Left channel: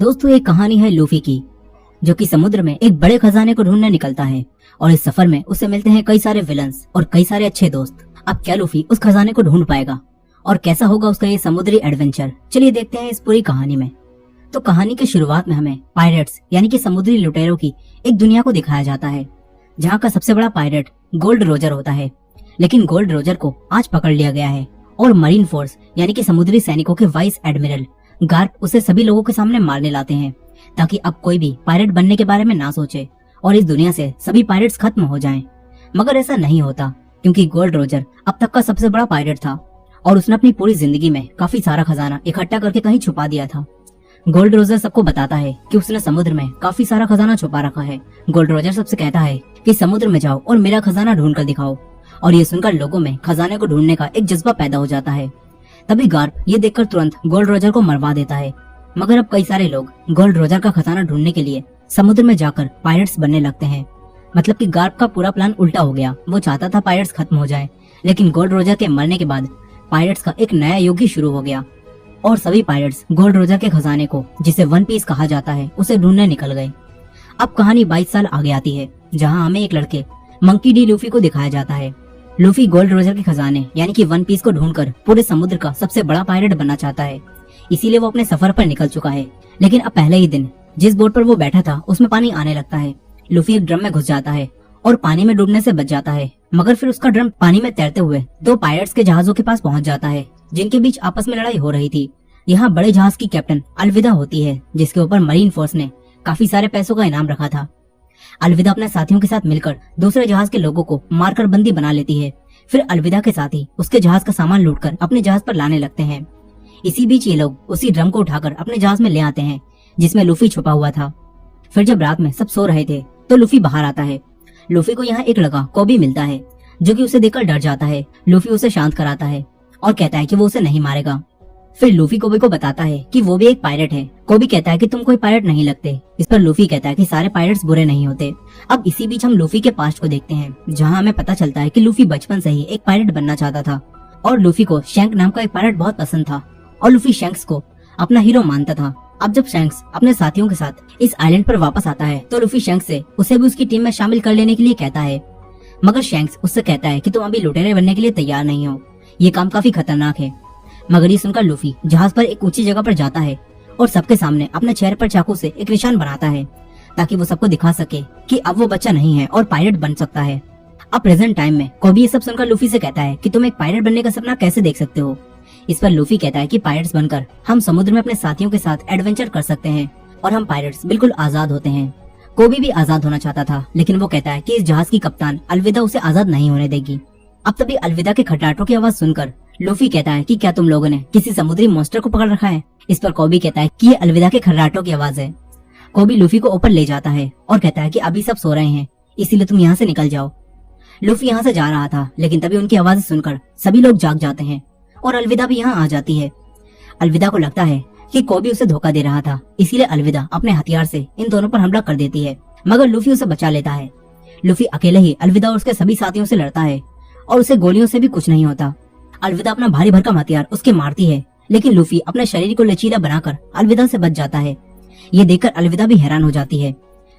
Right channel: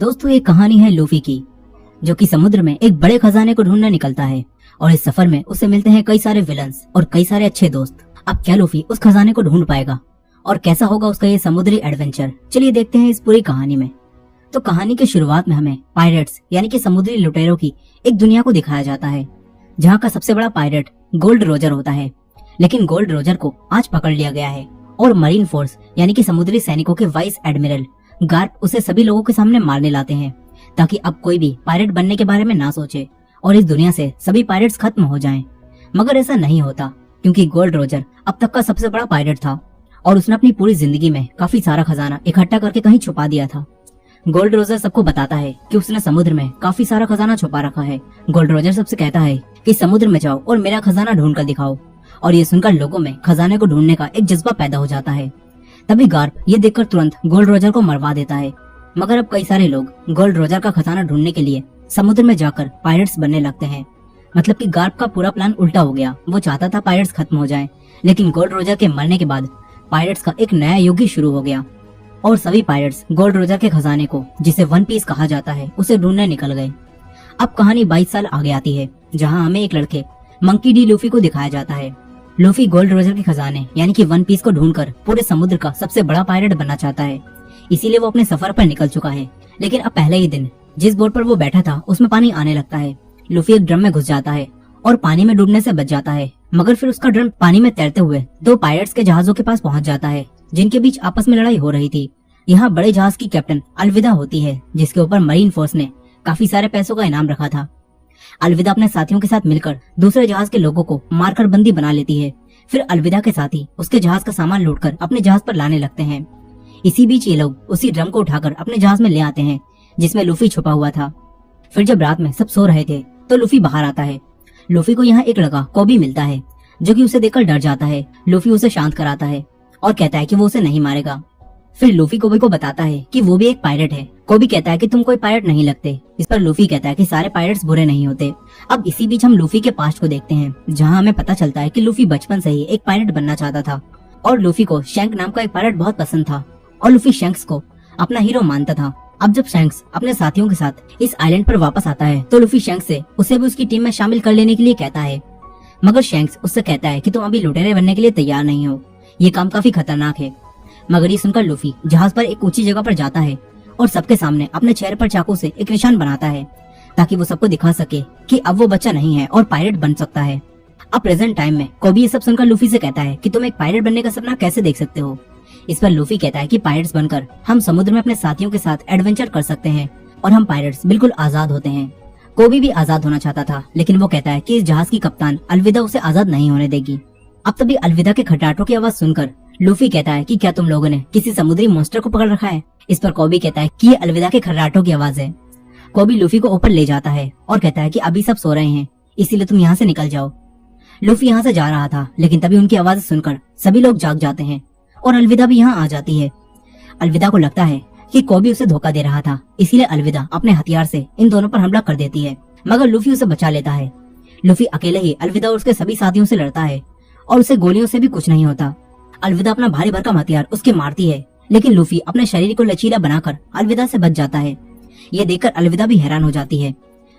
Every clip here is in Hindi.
दोस्तों, एक कहानी है लूफी की, जो कि समुद्र में एक बड़े खजाने को ढूंढने निकलता है और इस सफर में उसे मिलते हैं कई सारे विलन्स और कई सारे अच्छे दोस्त। अब क्या लूफी उस खजाने को ढूंढ पाएगा और कैसा होगा उसका ये समुद्री एडवेंचर? चलिए देखते हैं इस पूरी कहानी में। तो कहानी की शुरुआत में हमें पायरेट्स यानी कि समुद्री लुटेरों की एक दुनिया को दिखाया जाता है, जहाँ का सबसे बड़ा पायरेट गोल्ड रोजर होता है। लेकिन गोल्ड रोजर को आज पकड़ लिया गया है और मरीन फोर्स यानी कि समुद्री सैनिकों के वाइस एडमिरल गार्प उसे सभी लोगों के सामने मारने लाते हैं, ताकि अब कोई भी पायरेट बनने के बारे में ना सोचे और इस दुनिया से सभी पायरेट्स खत्म हो जाएं। मगर ऐसा नहीं होता, क्योंकि गोल्ड रोजर अब तक का सबसे बड़ा पायरेट था और उसने अपनी पूरी जिंदगी में काफी सारा खजाना इकट्ठा करके कहीं छुपा दिया था। गोल्ड रोजर सबको बताता है कि उसने समुद्र में काफी सारा खजाना छुपा रखा है। गोल्ड रोजर सबसे कहता है कि समुद्र में जाओ और मेरा खजाना ढूंढ कर दिखाओ, और ये सुनकर लोगों में खजाने को ढूंढने का एक जज्बा पैदा हो जाता है। तभी गार्प ये देखकर तुरंत गोल्ड रोजर को मरवा देता है। मगर अब कई सारे लोग गोल्ड रोजर का खजाना ढूंढने के लिए समुद्र में जाकर पायरेट्स बनने लगते हैं। मतलब कि गार्प का पूरा प्लान उल्टा हो गया। वो चाहता था पायरेट्स खत्म हो जाएं, लेकिन गोल्ड रोजर के मरने के बाद पायरेट्स का एक नया युग ही शुरू हो गया और सभी पायरेट्स गोल्ड रोजर के खजाने को, जिसे वन पीस कहा जाता है, उसे ढूंढने निकल गए। अब कहानी 22 साल आगे आती है, जहाँ हमें एक लड़के मंकी डी लूफी को दिखाया जाता है। लूफी गोल्ड रोजर के खजाने यानी कि वन पीस को ढूंढकर पूरे समुद्र का सबसे बड़ा पायरेट बनना चाहता है, इसीलिए वो अपने सफर पर निकल चुका है। लेकिन अब पहले ही दिन जिस बोट पर वो बैठा था उसमें पानी आने लगता है। लूफी एक ड्रम में घुस जाता है और पानी में डूबने से बच जाता है। मगर फिर उसका ड्रम पानी में तैरते हुए दो पायरेट्स के जहाजों के पास पहुंच जाता है, जिनके बीच आपस में लड़ाई हो रही थी। यहाँ बड़े जहाज की कैप्टन अलविदा होती है, जिसके ऊपर मरीन फोर्स ने काफी सारे पैसों का इनाम रखा था। अलविदा अपने साथियों के साथ मिलकर दूसरे जहाज के लोगों को मारकर बंदी बना लेती है। फिर अलविदा के साथी उसके जहाज का सामान लूटकर अपने जहाज पर लाने लगते हैं। इसी बीच ये लोग उसी ड्रम को उठाकर अपने जहाज में ले आते हैं, जिसमें लूफी छुपा हुआ था। फिर जब रात में सब सो रहे थे तो लूफी बाहर आता है। लूफी को यहाँ एक लड़का कोबी मिलता है, जो कि उसे देखकर डर जाता है। लूफी उसे शांत कराता है और कहता है कि वो उसे नहीं मारेगा। फिर लूफी कोबी को बताता है कि वो भी एक पायरेट है। कोबी कहता है कि तुम कोई पायरेट नहीं लगते। इस पर लूफी कहता है कि सारे पायरेट्स बुरे नहीं होते। अब इसी बीच हम लूफी के पास्ट को देखते हैं, जहाँ हमें पता चलता है कि लूफी बचपन से ही एक पायरेट बनना चाहता था और लूफी को शैंक नाम का एक पायरेट बहुत पसंद था और लूफी शैंक्स को अपना हीरो मानता था। अब जब शैंक्स अपने साथियों के साथ इस आइलैंड पर वापस आता है तो लूफी शैंक्स से उसे भी उसकी टीम में शामिल कर लेने के लिए कहता है। मगर शैंक्स उससे कहता है कि तुम अभी लुटेरे बनने के लिए तैयार नहीं हो, ये काम काफी खतरनाक है। मगर ये सुनकर लूफी जहाज पर एक ऊंची जगह पर जाता है और सबके सामने अपने चेहरे पर चाकू से एक निशान बनाता है, ताकि वो सबको दिखा सके कि अब वो बच्चा नहीं है और पायरेट बन सकता है। अब प्रेजेंट टाइम में कोबी ये सब सुनकर लूफी से कहता है कि तुम एक पायरेट बनने का सपना कैसे देख सकते हो। इस पर लूफी कहता है कि पायरेट्स बनकर हम समुद्र में अपने साथियों के साथ एडवेंचर कर सकते हैं और हम पायरेट्स बिल्कुल आजाद होते हैं। कोबी भी आजाद होना चाहता था, लेकिन वो कहता है कि इस जहाज की कप्तान अलविदा उसे आजाद नहीं होने देगी। अब तभी अलविदा के खटराटों की आवाज सुनकर लूफी कहता है कि क्या तुम लोगों ने किसी समुद्री मॉन्स्टर को पकड़ रखा है। इस पर कोबी कहता है कि ये अलविदा के खर्राटों की आवाज है। कोबी लूफी को ऊपर ले जाता है और कहता है कि अभी सब सो रहे हैं, इसीलिए तुम यहाँ से निकल जाओ। लूफी यहाँ से जा रहा था, लेकिन तभी उनकी आवाज सुनकर सभी लोग जाग जाते हैं और अलविदा भी यहाँ आ जाती है। अलविदा को लगता है कि कोबी उसे धोखा दे रहा था, इसीलिए अलविदा अपने हथियार से इन दोनों पर हमला कर देती है, मगर लूफी उसे बचा लेता है। लूफी अकेले ही अलविदा और उसके सभी साथियों से लड़ता है और उसे गोलियों से भी कुछ नहीं होता। अलविदा अपना भारी भरकम हथियार उसके मारती है, लेकिन लूफी अपने शरीर को लचीला बनाकर अलविदा से बच जाता है। ये देखकर अलविदा भी हैरान हो जाती है।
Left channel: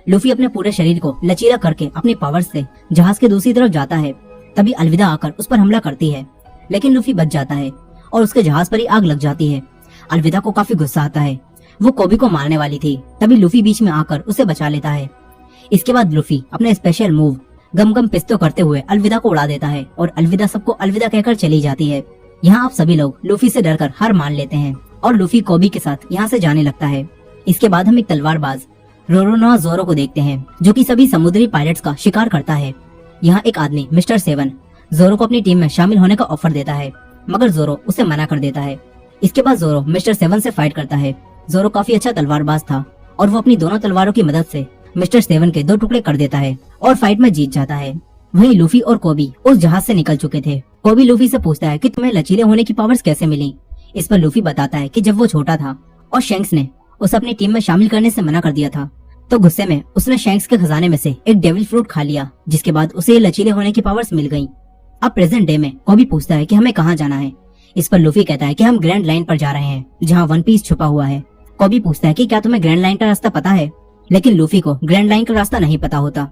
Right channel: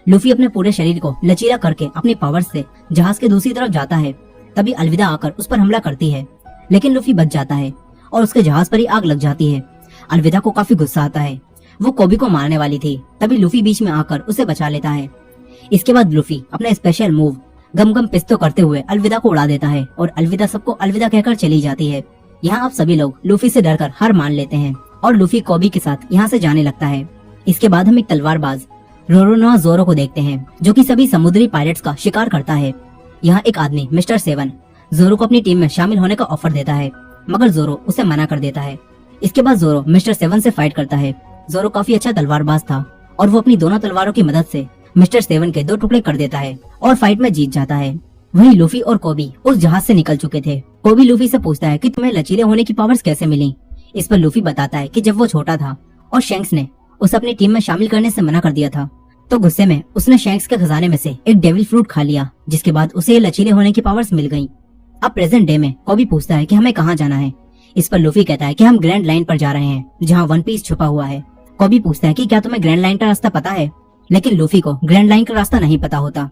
लूफी अपने पूरे शरीर को लचीला करके अपने पावर से जहाज के दूसरी तरफ जाता है। तभी अलविदा आकर उस पर हमला करती है, लेकिन लूफी बच जाता है और उसके जहाज पर ही आग लग जाती है। अलविदा को काफी गुस्सा आता है, वो कोबी को मारने वाली थी, तभी लूफी बीच में आकर उसे बचा लेता है। इसके बाद लूफी अपने स्पेशल मूव गम गम पिस्तो करते हुए अलविदा को उड़ा देता है और अलविदा सबको अलविदा कहकर चली जाती है। यहाँ आप सभी लोग लूफी से डरकर हार मान लेते हैं और लूफी कोबी के साथ यहाँ से जाने लगता है। इसके बाद हम एक तलवारबाज रोरोनोआ जोरो को देखते हैं, जो कि सभी समुद्री पायरेट्स का शिकार करता है। यहाँ एक आदमी मिस्टर सेवन जोरो को अपनी टीम में शामिल होने का ऑफर देता है, मगर जोरो उसे मना कर देता है। इसके बाद जोरो मिस्टर सेवन से फाइट करता है। जोरो काफी अच्छा तलवारबाज था और वो अपनी दोनों तलवारों की मदद से मिस्टर सेवन के 2 टुकड़े कर देता है और फाइट में जीत जाता है। वहीं लूफी और कोबी उस जहाज से निकल चुके थे। कोबी लूफी से पूछता है कि तुम्हें लचीले होने की पावर्स कैसे मिली। इस पर लूफी बताता है कि जब वो छोटा था और शैंक्स ने उसे अपनी टीम में शामिल करने से मना कर दिया था, तो गुस्से में उसने शैंक्स के खजाने में से एक डेविल फ्रूट खा लिया, जिसके बाद उसे ये लचीले होने की पावर्स मिल गयी। अब प्रेजेंट डे में कोबी पूछता है कि हमें कहाँ जाना है। इस पर लूफी कहता है कि हम ग्रैंड लाइन पर जा रहे हैं, जहाँ वन पीस छुपा हुआ है। कोबी पूछता है कि क्या तुम्हें ग्रैंड लाइन का रास्ता पता है, लेकिन लूफी को ग्रैंड लाइन का रास्ता नहीं पता होता।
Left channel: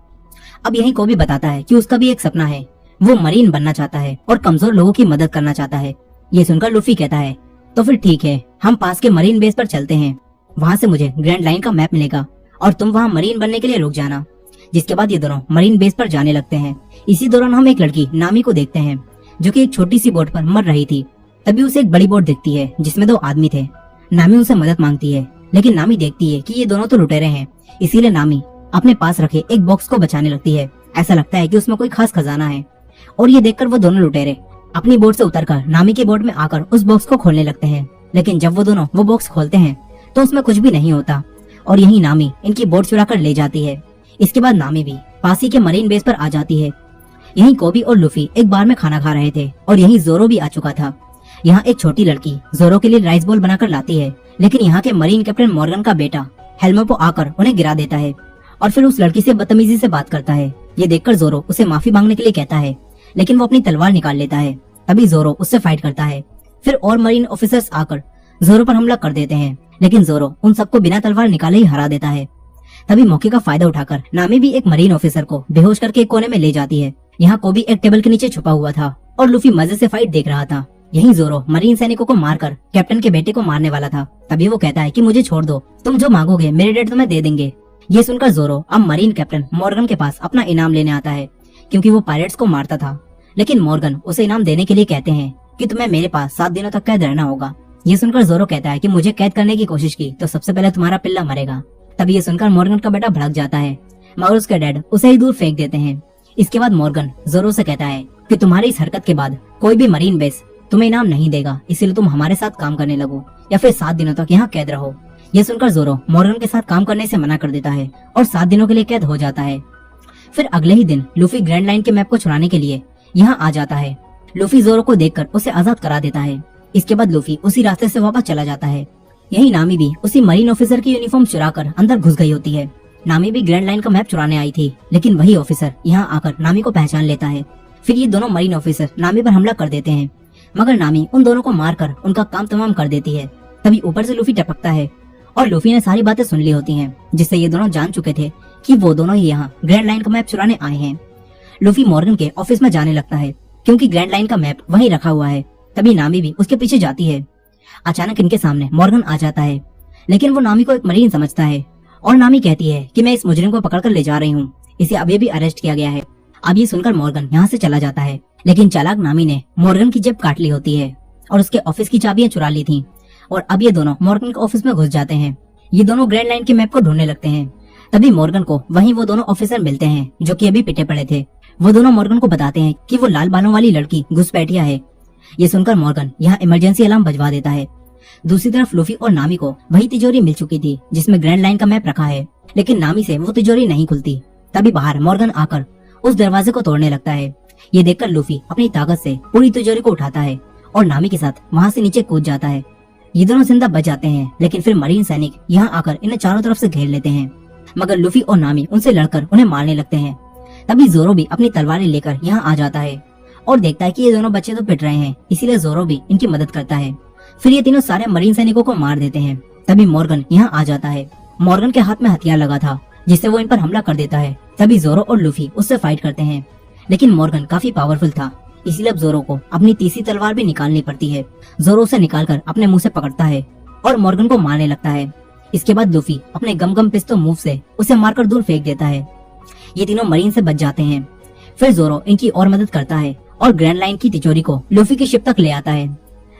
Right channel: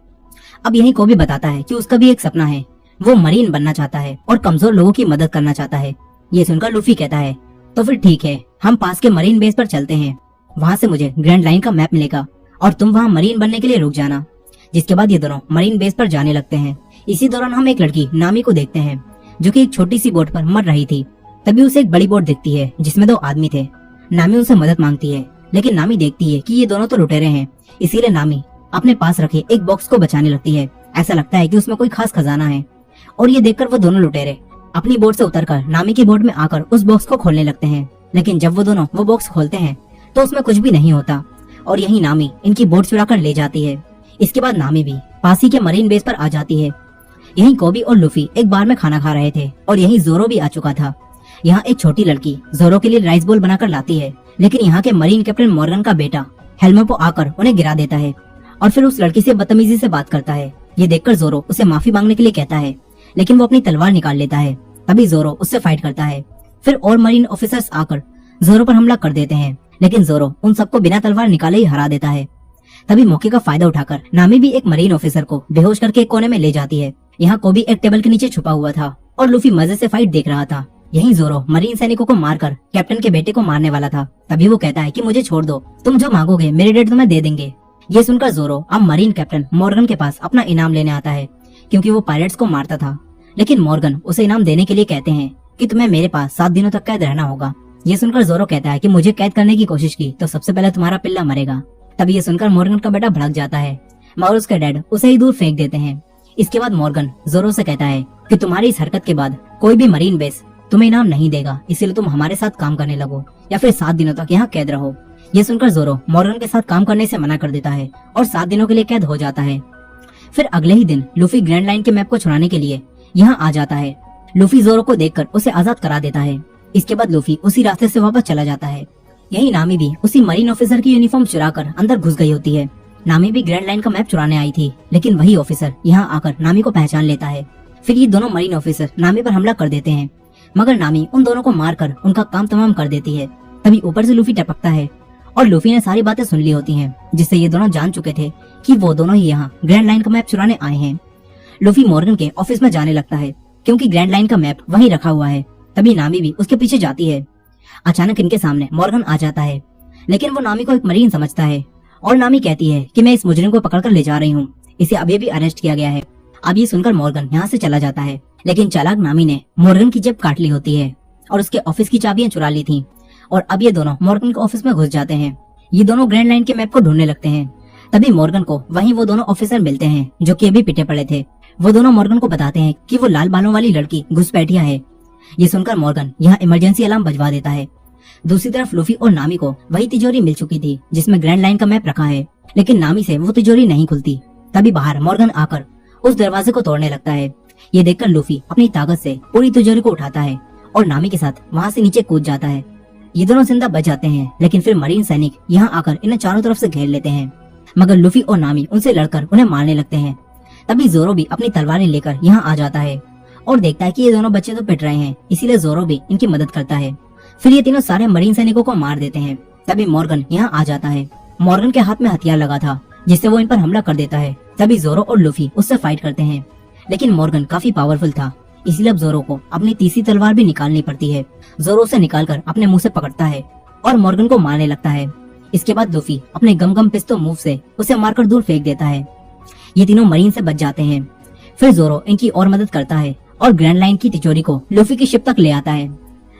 अब यही कोबी बताता है कि उसका भी एक सपना है, वो मरीन बनना चाहता है और कमजोर लोगों की मदद करना चाहता है। ये सुनकर लूफी कहता है तो फिर ठीक है, हम पास के मरीन बेस पर चलते हैं, वहाँ से मुझे ग्रैंड लाइन का मैप मिलेगा और तुम वहाँ मरीन बनने के लिए रुक जाना। जिसके बाद ये दोनों मरीन बेस पर जाने लगते हैं। इसी दौरान हम एक लड़की नामी को देखते हैं जो कि एक छोटी सी बोट पर मर रही थी। तभी उसे एक बड़ी बोट दिखती है जिसमें 2 आदमी थे। नामी उनसे मदद मांगती है, लेकिन नामी देखती है कि ये दोनों तो लुटेरे हैं, इसीलिए नामी अपने पास रखे एक बॉक्स को बचाने लगती है। ऐसा लगता है कि उसमें कोई खास खजाना है और ये देखकर वो दोनों लुटेरे अपनी बोट से उतरकर नामी की बोट में आकर उस बॉक्स को खोलने लगते हैं। लेकिन जब वो दोनों वो बॉक्स खोलते हैं तो उसमें कुछ भी नहीं होता और यही नामी इनकी बोट चुरा कर ले जाती है। इसके बाद नामी भी पासी के मरीन बेस पर आ जाती है। यहीं कोबी और लूफी एक बार में खाना खा रहे थे और यहीं जोरो भी आ चुका था। यहाँ एक छोटी लड़की जोरो के लिए राइस बॉल बनाकर लाती है, लेकिन यहाँ के मरीन कैप्टन मॉर्गन का बेटा हेल्मेपो आकर उन्हें गिरा देता है और फिर उस लड़की से बदतमीजी से बात करता है। ये देखकर जोरो उसे माफी मांगने के लिए कहता है, लेकिन वो अपनी तलवार निकाल लेता है। तभी जोरो उससे फाइट करता है। फिर और मरीन ऑफिसर्स आकर जोरो पर हमला कर देते हैं, लेकिन जोरो उन सबको बिना तलवार निकाले ही हरा देता है। तभी मौके का फायदा उठाकर नामी भी एक मरीन ऑफिसर को बेहोश करके एक कोने में ले जाती है। यहाँ कोबी एक टेबल के नीचे छुपा हुआ था और लूफी मजे से फाइट देख रहा था। यहीं जोरो मरीन सैनिकों को मारकर कैप्टन के बेटे को मारने वाला था। तभी वो कहता है कि मुझे छोड़ दो, तुम जो मांगोगे मेरे डैड तुम्हें दे देंगे। ये सुनकर जोरो अब मरीन कैप्टन मॉर्गन के पास अपना इनाम लेने आता है, क्योंकि वो पायरेट्स को मारता था। लेकिन मॉर्गन उसे इनाम देने के लिए कहते हैं कि तुम्हें मेरे पास 7 दिनों तक कैद रहना होगा। ये सुनकर जोरो कहता है कि मुझे कैद करने की कोशिश की तो सबसे पहले तुम्हारा पिल्ला मरेगा। तभी ये सुनकर मॉर्गन का बेटा भड़क जाता है, मगर उसके डैड उसे ही दूर फेंक देते हैं। इसके बाद मॉर्गन जोरो से कहता है कि तुम्हारी इस हरकत के बाद कोई भी मरीन बेस तुम्हें इनाम नहीं देगा, इसीलिए तुम हमारे साथ काम करने लगो या फिर 7 दिनों तक यहाँ कैद रहो। यह सुनकर जोरो मॉर्गन के साथ काम करने से मना कर देता है और 7 दिनों के लिए कैद हो जाता है। फिर अगले ही दिन लूफी ग्रैंड लाइन के मैप को चुराने के लिए यहाँ आ जाता है। लूफी जोरो को देखकर उसे आजाद करा देता है। इसके बाद लूफी उसी रास्ते से वापस चला जाता है। यही नामी भी उसी मरीन ऑफिसर की यूनिफॉर्म चुराकर अंदर घुस गई होती है। नामी भी ग्रैंड लाइन का मैप चुराने आई थी, लेकिन वही ऑफिसर यहाँ आकर नामी को पहचान लेता है। फिर ये दोनों मरीन ऑफिसर नामी पर हमला कर देते हैं, मगर नामी उन दोनों को मारकर उनका काम तमाम कर देती है। तभी ऊपर से लूफी टपकता है और लूफी ने सारी बातें सुन ली होती हैं, जिससे ये दोनों जान चुके थे कि वो दोनों ही यहाँ ग्रैंड लाइन का मैप चुराने आए हैं। लूफी मॉर्गन के ऑफिस में जाने लगता है, क्योंकि ग्रैंड लाइन का मैप वहीं रखा हुआ है। तभी नामी भी उसके पीछे जाती है। अचानक इनके सामने मॉर्गन आ जाता है, लेकिन वो नामी को एक मरीन समझता है और नामी कहती है कि मैं इस मुजरिम को पकड़कर ले जा रही हूँ, इसे अभी भी अरेस्ट किया गया है। अब ये सुनकर मॉर्गन यहाँ से चला जाता है, लेकिन चालाक नामी ने मॉर्गन की जेब काट ली होती है और उसके ऑफिस की चाबियां चुरा ली थी और अब ये दोनों मॉर्गन के ऑफिस में घुस जाते हैं। ये दोनों ग्रैंड लाइन के मैप को ढूंढने लगते हैं। तभी मॉर्गन को वहीं वो दोनों ऑफिसर मिलते हैं जो कि अभी पिटे पड़े थे। वो दोनों मॉर्गन को बताते हैं कि वो लाल बालों वाली लड़की घुसपैठिया है। ये सुनकर मॉर्गन यहाँ इमरजेंसी अलार्म बजवा देता है। दूसरी तरफ लूफी और नामी को वही तिजोरी मिल चुकी थी जिसमें ग्रैंड लाइन का मैप रखा है, लेकिन नामी से वो तिजोरी नहीं खुलती। तभी बाहर मॉर्गन आकर उस दरवाजे को तोड़ने लगता है। ये देखकर लूफी अपनी ताकत से पूरी तिजोरी को उठाता है और नामी के साथ वहाँ से नीचे कूद जाता है। ये दोनों जिंदा बच जाते हैं, लेकिन फिर मरीन सैनिक यहाँ आकर इन्हें चारों तरफ से घेर लेते हैं, मगर लूफी और नामी उनसे लड़कर उन्हें मारने लगते हैं। तभी जोरो भी अपनी तलवारें लेकर यहाँ आ जाता है और देखता है कि ये दोनों बच्चे तो पिट रहे हैं, इसीलिए जोरो भी इनकी मदद करता है। फिर ये तीनों सारे मरीन सैनिकों को मार देते हैं। तभी मॉर्गन यहाँ आ जाता है। मॉर्गन के हाथ में हथियार लगा था, जिससे वो इन पर हमला कर देता है। तभी जोरो और लूफी उससे फाइट करते हैं, लेकिन मॉर्गन काफी पावरफुल था, इसलिए अब जोरो को अपनी तीसरी तलवार भी निकालनी पड़ती है। जोरो उसे निकालकर अपने मुंह से पकड़ता है और मॉर्गन को मारने लगता है। इसके बाद लूफी अपने गम गम पिस्तौल मूव से उसे मारकर दूर फेंक देता है। ये तीनों मरीन से बच जाते हैं। फिर जोरो इनकी और मदद करता है और ग्रैंड लाइन की तिजोरी को लूफी की शिप तक ले आता है।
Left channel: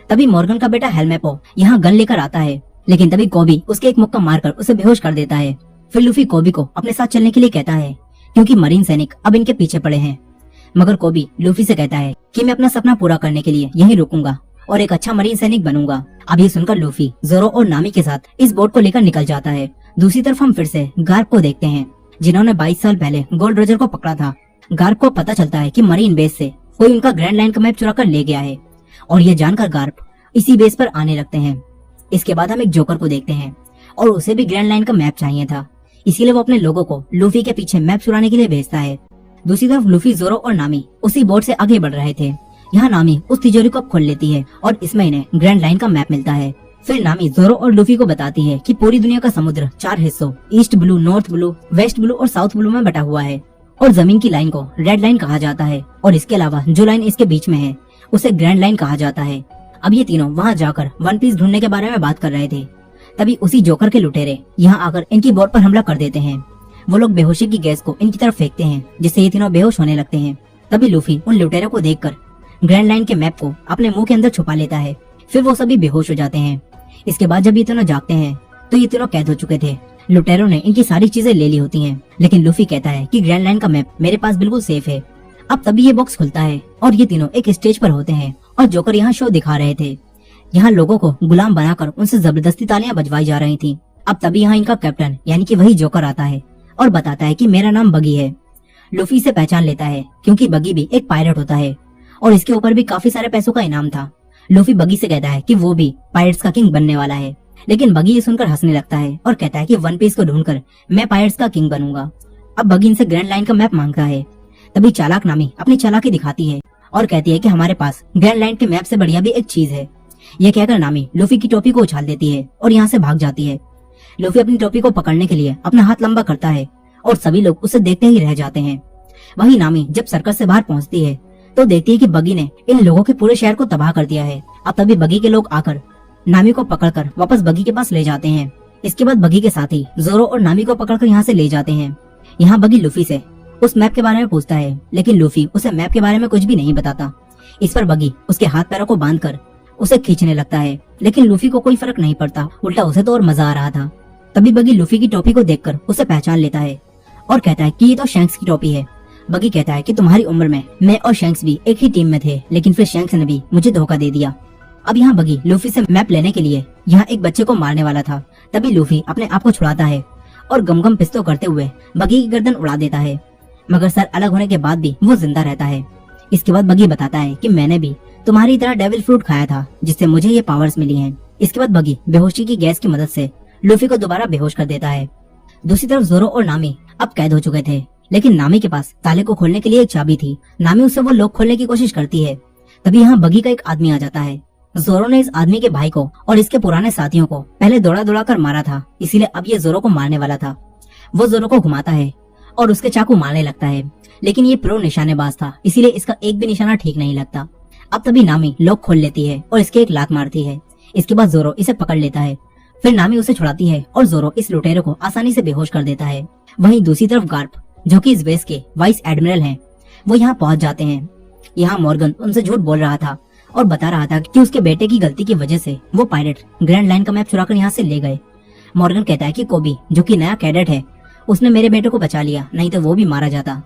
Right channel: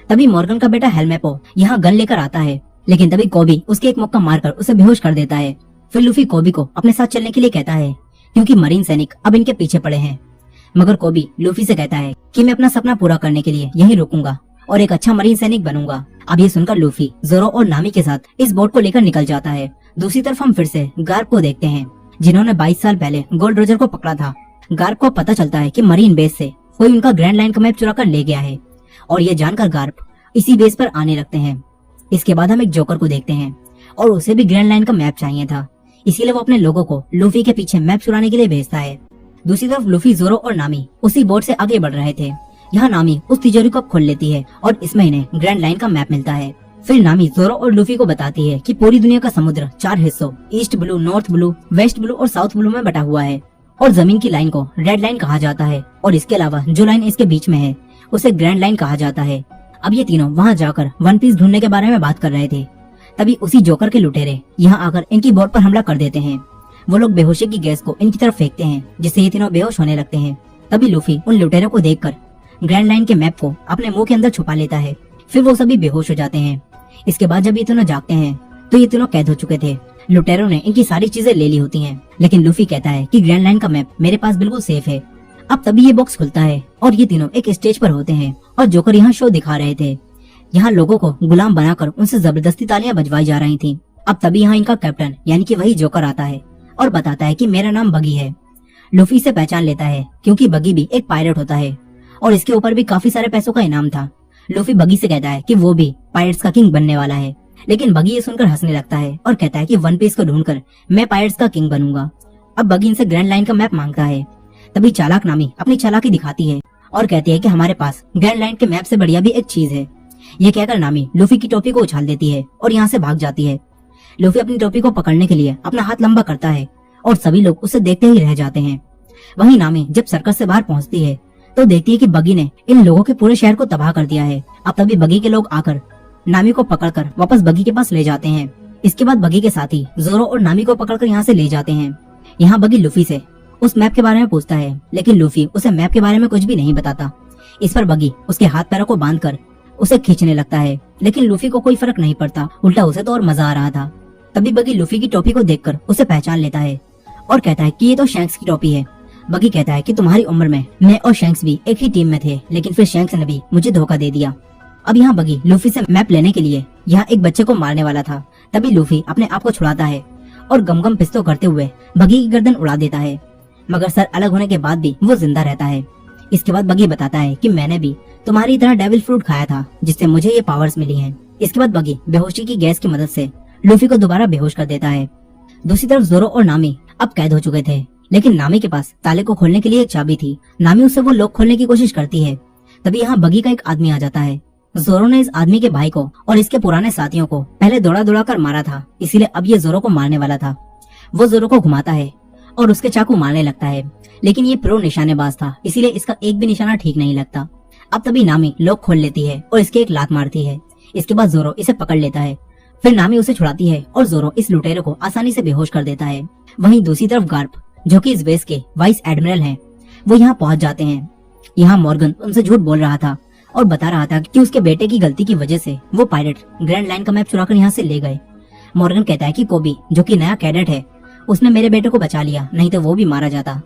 तभी मॉर्गन का बेटा हेल्मेपो यहाँ गन लेकर आता है, लेकिन तभी कोबी उसके एक मुक्का मारकर उसे बेहोश कर देता है। फिर लूफी कोबी को अपने साथ चलने के लिए कहता है, क्योंकि मरीन सैनिक अब इनके पीछे पड़े हैं। मगर कोबी लूफी से कहता है कि मैं अपना सपना पूरा करने के लिए यहीं रुकूंगा और एक अच्छा मरीन सैनिक बनूंगा। अब ये सुनकर लूफी जोरो और नामी के साथ इस बोट को लेकर निकल जाता है। दूसरी तरफ हम फिर से गार्प को देखते हैं, जिन्होंने 22 साल पहले गोल्ड रोजर को पकड़ा था। गार्प को पता चलता है कि मरीन बेस से कोई उनका ग्रैंड लाइन का मैप चुरा कर ले गया है और यह जानकर गार्प इसी बेस पर आने लगते हैं। इसके बाद हम एक जोकर को देखते हैं और उसे भी ग्रैंड लाइन का मैप चाहिए था, इसीलिए वो अपने लोगों को लूफी के पीछे मैप चुराने के लिए भेजता है। दूसरी तरफ लूफी, जोरो और नामी उसी बोट से आगे बढ़ रहे थे। यहाँ नामी उस तिजोरी को खोल लेती है और इसमें इन्हें ग्रैंड लाइन का मैप मिलता है। फिर नामी जोरो और लूफी को बताती है कि पूरी दुनिया का समुद्र 4 हिस्सों east blue, north blue, west blue और साउथ ब्लू में बटा हुआ है और जमीन की लाइन को रेड लाइन कहा जाता है और इसके अलावा जो लाइन इसके बीच में है उसे ग्रैंड लाइन कहा जाता है। अब ये तीनों वहाँ जाकर वन पीस ढूंढने के बारे में बात कर रहे थे, तभी उसी जोकर के लुटेरे यहाँ आकर इनकी बोट पर हमला कर देते हैं। वो लोग बेहोशी की गैस को इनकी तरफ फेंकते हैं जिससे ये तीनों बेहोश होने लगते हैं। तभी लूफी उन लुटेरों को देखकर ग्रैंड लाइन के मैप को अपने मुंह के अंदर छुपा लेता है। फिर वो सभी बेहोश हो जाते हैं। इसके बाद जब ये तीनों जागते हैं तो ये तीनों कैद हो चुके थे। लुटेरों ने इनकी सारी चीजें ले ली होती हैं, लेकिन लूफी कहता है कि ग्रैंड लाइन का मैप मेरे पास बिल्कुल सेफ है। अब तभी ये बॉक्स खुलता है और ये तीनों एक स्टेज पर होते हैं और जोकर यहाँ शो दिखा रहे थे। यहाँ लोगों को गुलाम बनाकर उनसे जबरदस्ती तालियां बजवाई जा रही थी। अब तभी यहाँ इनका कैप्टन यानी कि वही जोकर आता है और बताता है कि मेरा नाम बगी है। लूफी इसे पहचान लेता है क्योंकि बगी भी एक पायलट होता है और इसके ऊपर भी काफी सारे पैसों का इनाम था। लूफी बगी से कहता है कि वो भी पायरेट्स का किंग बनने वाला है, लेकिन बगी ये सुनकर हंसने लगता है और कहता है कि वन पीस को ढूंढकर मैं पायरेट्स का किंग बनूंगा। अब बगी इनसे ग्रैंड लाइन का मैप मांगता है। तभी चालाक नामी अपनी चालाकी दिखाती है और कहती है कि हमारे पास ग्रैंड लाइन के मैप से बढ़िया भी एक चीज है। ये कहकर नामी लूफी की टोपी को उछाल देती है और यहाँ से भाग जाती है। लूफी अपनी टोपी को पकड़ने के लिए अपना हाथ लंबा करता है और सभी लोग उसे देखते ही रह जाते हैं। वहीं नामी जब सर्कस से बाहर पहुंचती है तो देखती है कि बगी ने इन लोगों के पूरे शहर को तबाह कर दिया है। अब तभी बगी के लोग आकर नामी को पकड़कर वापस बगी के पास ले जाते हैं। इसके बाद बगी के साथी जोरो और नामी को पकड़कर यहाँ से ले जाते हैं। यहाँ बगी लूफी से उस मैप के बारे में पूछता है, लेकिन लूफी उसे मैप के बारे में कुछ भी नहीं बताता। इस पर बगी उसके हाथ पैरों को बांधकर उसे खींचने लगता है, लेकिन लूफी को कोई फर्क नहीं पड़ता, उल्टा उसे तो और मजा आ रहा था। तभी बगी लूफी की टोपी को देखकर उसे पहचान लेता है और कहता है कि ये तो शैंक्स की टोपी है। बगी कहता है कि तुम्हारी उम्र में मैं और शैंक्स भी एक ही टीम में थे, लेकिन फिर शैंक्स ने भी मुझे धोखा दे दिया। अब यहाँ बगी लूफी से मैप लेने के लिए यहाँ एक बच्चे को मारने वाला था। तभी लूफी अपने आप को छुड़ाता है और गम पिस्तौल करते हुए बगी की गर्दन उड़ा देता है, मगर सर अलग होने के बाद भी वो जिंदा रहता है। इसके बाद बगी बताता है कि मैंने भी तुम्हारी तरह डेविल फ्रूट खाया था जिससे मुझे ये पावर्स मिली हैं। इसके बाद बगी बेहोशी की गैस की मदद से लूफी को दोबारा बेहोश कर देता है। दूसरी तरफ जोरो और नामी अब कैद हो चुके थे, लेकिन नामी के पास ताले को खोलने के लिए एक चाबी थी। नामी उससे वो लॉक खोलने की कोशिश करती है। तभी यहाँ बगी का एक आदमी आ जाता है। जोरो ने इस आदमी के भाई को और इसके पुराने साथियों को पहले दौड़ा कर मारा था, इसीलिए अब ये जोरो को मारने वाला था। वो जोरो को घुमाता है और उसके चाकू मारने लगता है, लेकिन ये प्रो निशानेबाज था, इसीलिए इसका एक भी निशाना ठीक नहीं लगता। अब तभी नामी लॉक खोल लेती है और इसके एक लात मारती है। इसके बाद जोरो इसे पकड़ लेता है। फिर नामी उसे छुड़ाती है और जोरो इस लुटेरे को आसानी से बेहोश कर देता है। वहीं दूसरी तरफ गार्प, जो कि इस बेस के वाइस एडमिरल हैं, वो यहाँ पहुंच जाते हैं। यहाँ मॉर्गन उनसे झूठ बोल रहा था और बता रहा था कि उसके बेटे की गलती की वजह से वो पायलट ग्रैंड लाइन का मैप चुराकर यहाँ से ले गए। मॉर्गन कहता है कि कोबी, जो कि नया कैडेट है, उसने मेरे बेटे को बचा लिया, नहीं तो वो भी मारा जाता।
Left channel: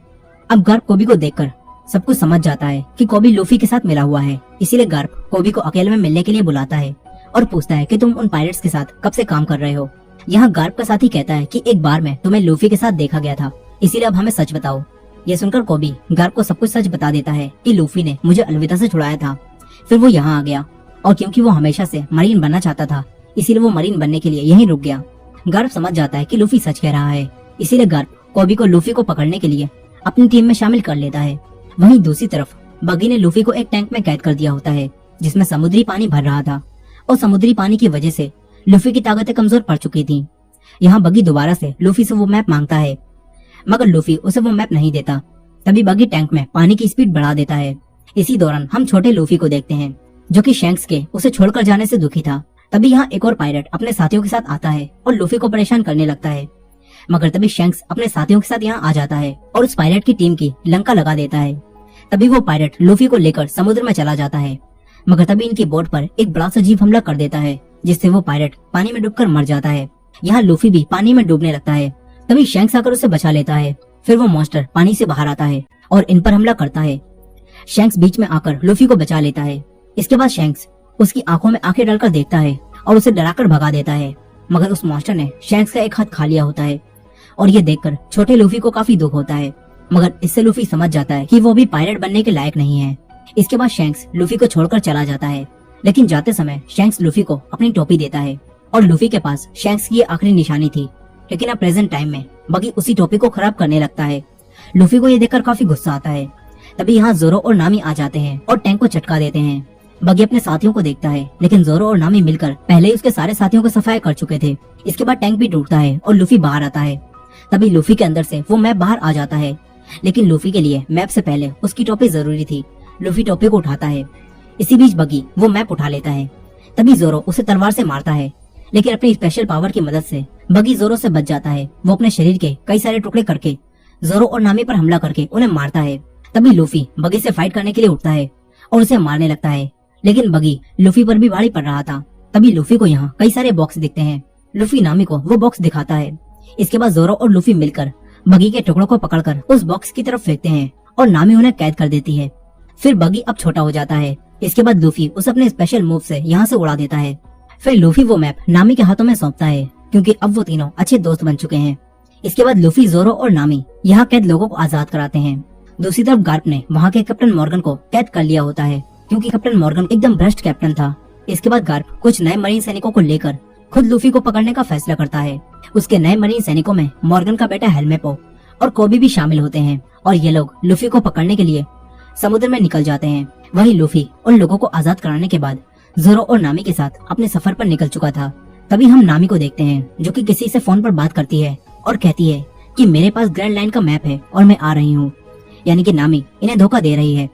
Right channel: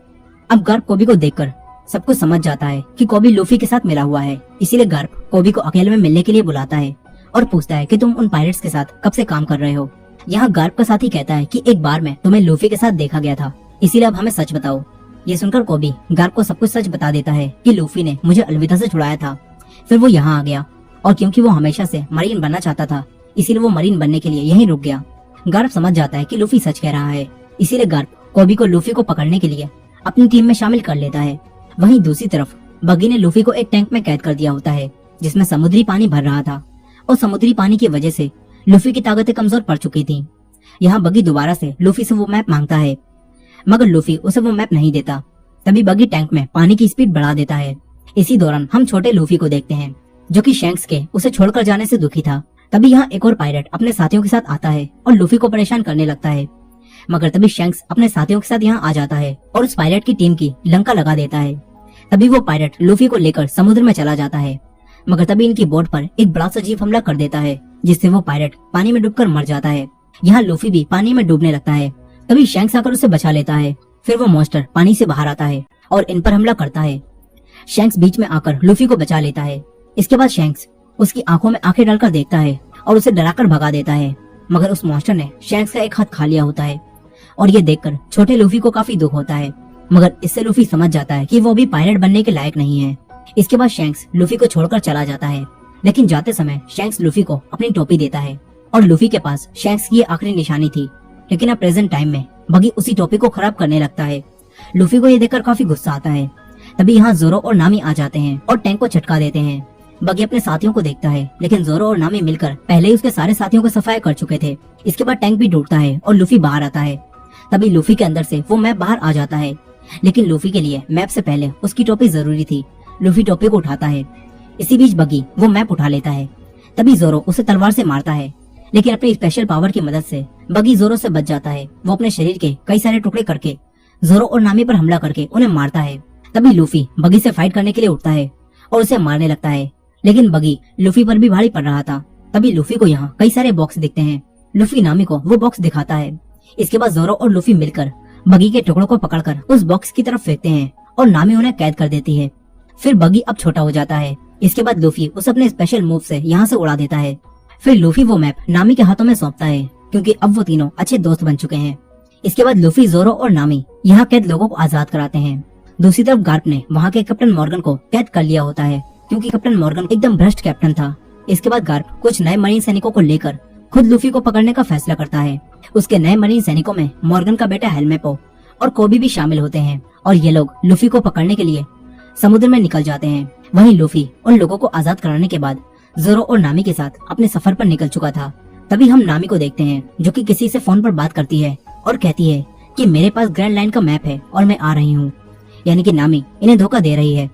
अब गार्प कोबी को देखकर सब कुछ समझ जाता है कि कोबी लूफी के साथ मिला हुआ है, इसीलिए गार्प कोबी को अकेले में मिलने के लिए बुलाता है और पूछता है कि तुम उन पायरेट्स के साथ कब से काम कर रहे हो। यहाँ गार्प का साथी कहता है कि एक बार में तुम्हें लूफी के साथ देखा गया था, इसीलिए अब हमें सच बताओ। ये सुनकर कोबी गार्प को सब कुछ सच बता देता है कि लूफी ने मुझे अलविदा से छुड़ाया था, फिर वो यहाँ आ गया और क्योंकि वो हमेशा से मरीन बनना चाहता था, इसीलिए वो मरीन बनने के लिए यहीं रुक गया। गार्प समझ जाता है कि लूफी सच कह रहा है, इसीलिए गार्प कोबी को लूफी को पकड़ने के लिए अपनी टीम में शामिल कर लेता है। वहीं दूसरी तरफ बगी ने लूफी को एक टैंक में कैद कर दिया होता है जिसमें समुद्री पानी भर रहा था और समुद्री पानी की वजह से लूफी की ताकतें कमजोर पड़ चुकी थी। यहाँ बगी दोबारा से लूफी से वो मैप मांगता है, मगर लूफी उसे वो मैप नहीं देता। तभी बगी टैंक में पानी की स्पीड बढ़ा देता है। इसी दौरान हम छोटे लूफी को देखते हैं जो कि शैंक्स के उसे छोड़कर जाने से दुखी था। तभी यहाँ एक और पायलट अपने साथियों के साथ आता है और लूफी को परेशान करने लगता है, मगर तभी शैंक्स अपने साथियों के साथ यहाँ आ जाता है और उस पायलट की टीम की लंका लगा देता है। तभी वो पायलट लूफी को लेकर समुद्र में चला जाता है, मगर तभी इनकी बोट पर एक बड़ा सा जीव हमला कर देता है जिससे वो पायलट पानी में डूबकर मर जाता है। यहाँ लूफी भी पानी में डूबने लगता है। तभी शैंक्स आकर उसे बचा लेता है। फिर वो मॉन्स्टर पानी से बाहर आता है और इन पर हमला करता है। शैंक्स बीच में आकर लूफी को बचा लेता है। इसके बाद शैंक्स उसकी आंखों में आंखें डालकर देखता है और उसे डराकर भगा देता है, मगर उस मॉन्स्टर ने शैंक्स का एक हाथ खा लिया होता है और ये देखकर छोटे लूफी को काफी दुख होता है, मगर इससे लूफी समझ जाता है कि वो भी पायलट बनने के लायक नहीं है। इसके बाद शैंक्स लूफी को छोड़कर चला जाता है, लेकिन जाते समय शैंक्स लूफी को अपनी टोपी देता है और लूफी के पास शैंक्स की आखिरी निशानी थी। लेकिन अब प्रेजेंट टाइम में बगी उसी टोपी को खराब करने लगता है। लूफी को ये देखकर काफी गुस्सा आता है। तभी यहाँ जोरो और नामी आ जाते हैं और टैंक को झटका देते हैं। बगी अपने साथियों को देखता है, लेकिन जोरो और नामी मिलकर पहले ही उसके सारे साथियों को सफाया कर चुके थे। इसके बाद टैंक भी टूटता है और लूफी बाहर आता है। तभी लूफी के अंदर से वो मैप बाहर आ जाता है, लेकिन लूफी के लिए मैप से पहले उसकी टोपी जरूरी थी। लूफी टोपी को उठाता है। इसी बीच बगी वो मैप उठा लेता है। तभी जोरो उसे तलवार से मारता है, लेकिन अपनी स्पेशल पावर की मदद से बगी जोरो से बच जाता है। वो अपने शरीर के कई सारे टुकड़े करके जोरो और नामी पर हमला करके उन्हें मारता है। तभी लूफी बगी से फाइट करने के लिए उठता है और उसे मारने लगता है, लेकिन बगी लूफी पर भी भारी पड़ रहा था। तभी लूफी को यहाँ कई सारे बॉक्स दिखते हैं। लूफी नामी को वो बॉक्स दिखाता है। इसके बाद जोरो और लूफी मिलकर बगी के टुकड़ों को पकड़कर उस बॉक्स की तरफ फेंकते हैं और नामी उन्हें कैद कर देती है। फिर बगी अब छोटा हो जाता है। इसके बाद लूफी उसे अपने स्पेशल मूव से यहाँ से उड़ा देता है। फिर लूफी वो मैप नामी के हाथों में सौंपता है, क्योंकि अब वो तीनों अच्छे दोस्त बन चुके हैं। इसके बाद लूफी, जोरो और नामी यहाँ कैद लोगों को आजाद कराते हैं। दूसरी तरफ गार्प ने वहाँ के कैप्टन मॉर्गन को कैद कर लिया होता है, क्योंकि कैप्टन मॉर्गन एकदम भ्रष्ट कैप्टन था। इसके बाद गार्प कुछ नए मरीन सैनिकों को लेकर खुद लूफी को पकड़ने का फैसला करता है। उसके नए मरीन सैनिकों में मॉर्गन का बेटा हेलमेपो और कोबी भी शामिल होते हैं, और ये लोग लूफी को पकड़ने के लिए समुद्र में निकल जाते हैं। वही लूफी और लोगों को आजाद कराने के बाद जोरो और नामी के साथ अपने सफर पर निकल चुका था। तभी हम नामी को देखते हैं, जो कि किसी से फोन पर बात करती है और कहती है कि मेरे पास ग्रैंड लाइन का मैप है और मैं आ रही हूँ। यानी कि नामी इन्हें धोखा दे रही है।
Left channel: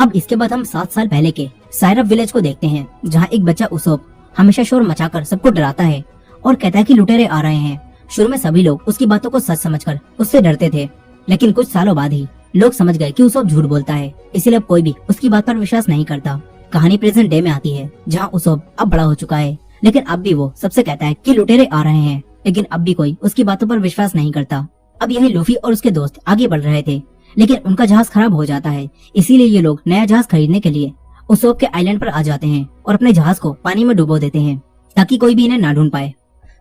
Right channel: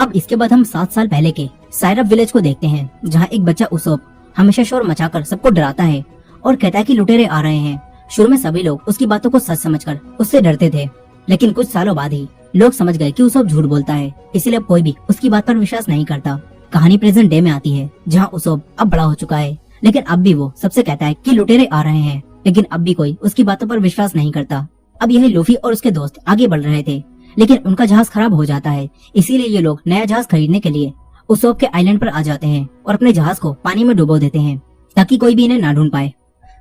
अब इसके बाद हम 7 साल पहले के साइरप विलेज को देखते हैं, जहाँ एक बच्चा उसोप हमेशा शोर मचाकर सबको डराता है और कहता है कि लुटेरे आ रहे हैं। शुरू में सभी लोग उसकी बातों को सच समझकर उससे डरते थे, लेकिन कुछ सालों बाद ही लोग समझ गए कि उसोप झूठ बोलता है, इसीलिए अब कोई भी उसकी बात पर विश्वास नहीं करता। कहानी प्रेजेंट डे में आती है, जहाँ उसोप अब बड़ा हो चुका है, लेकिन अब भी वो सबसे कहता है कि लुटेरे आ रहे हैं, लेकिन अब भी कोई उसकी बातों पर विश्वास नहीं करता। अब यही लूफी और उसके दोस्त आगे बढ़ रहे थे, लेकिन उनका जहाज खराब हो जाता है। इसीलिए ये लोग नया जहाज खरीदने के लिए उसोप के आइलैंड पर आ जाते हैं और अपने जहाज को पानी में डुबो देते हैं, ताकि कोई भी इन्हें ना ढूंढ पाए।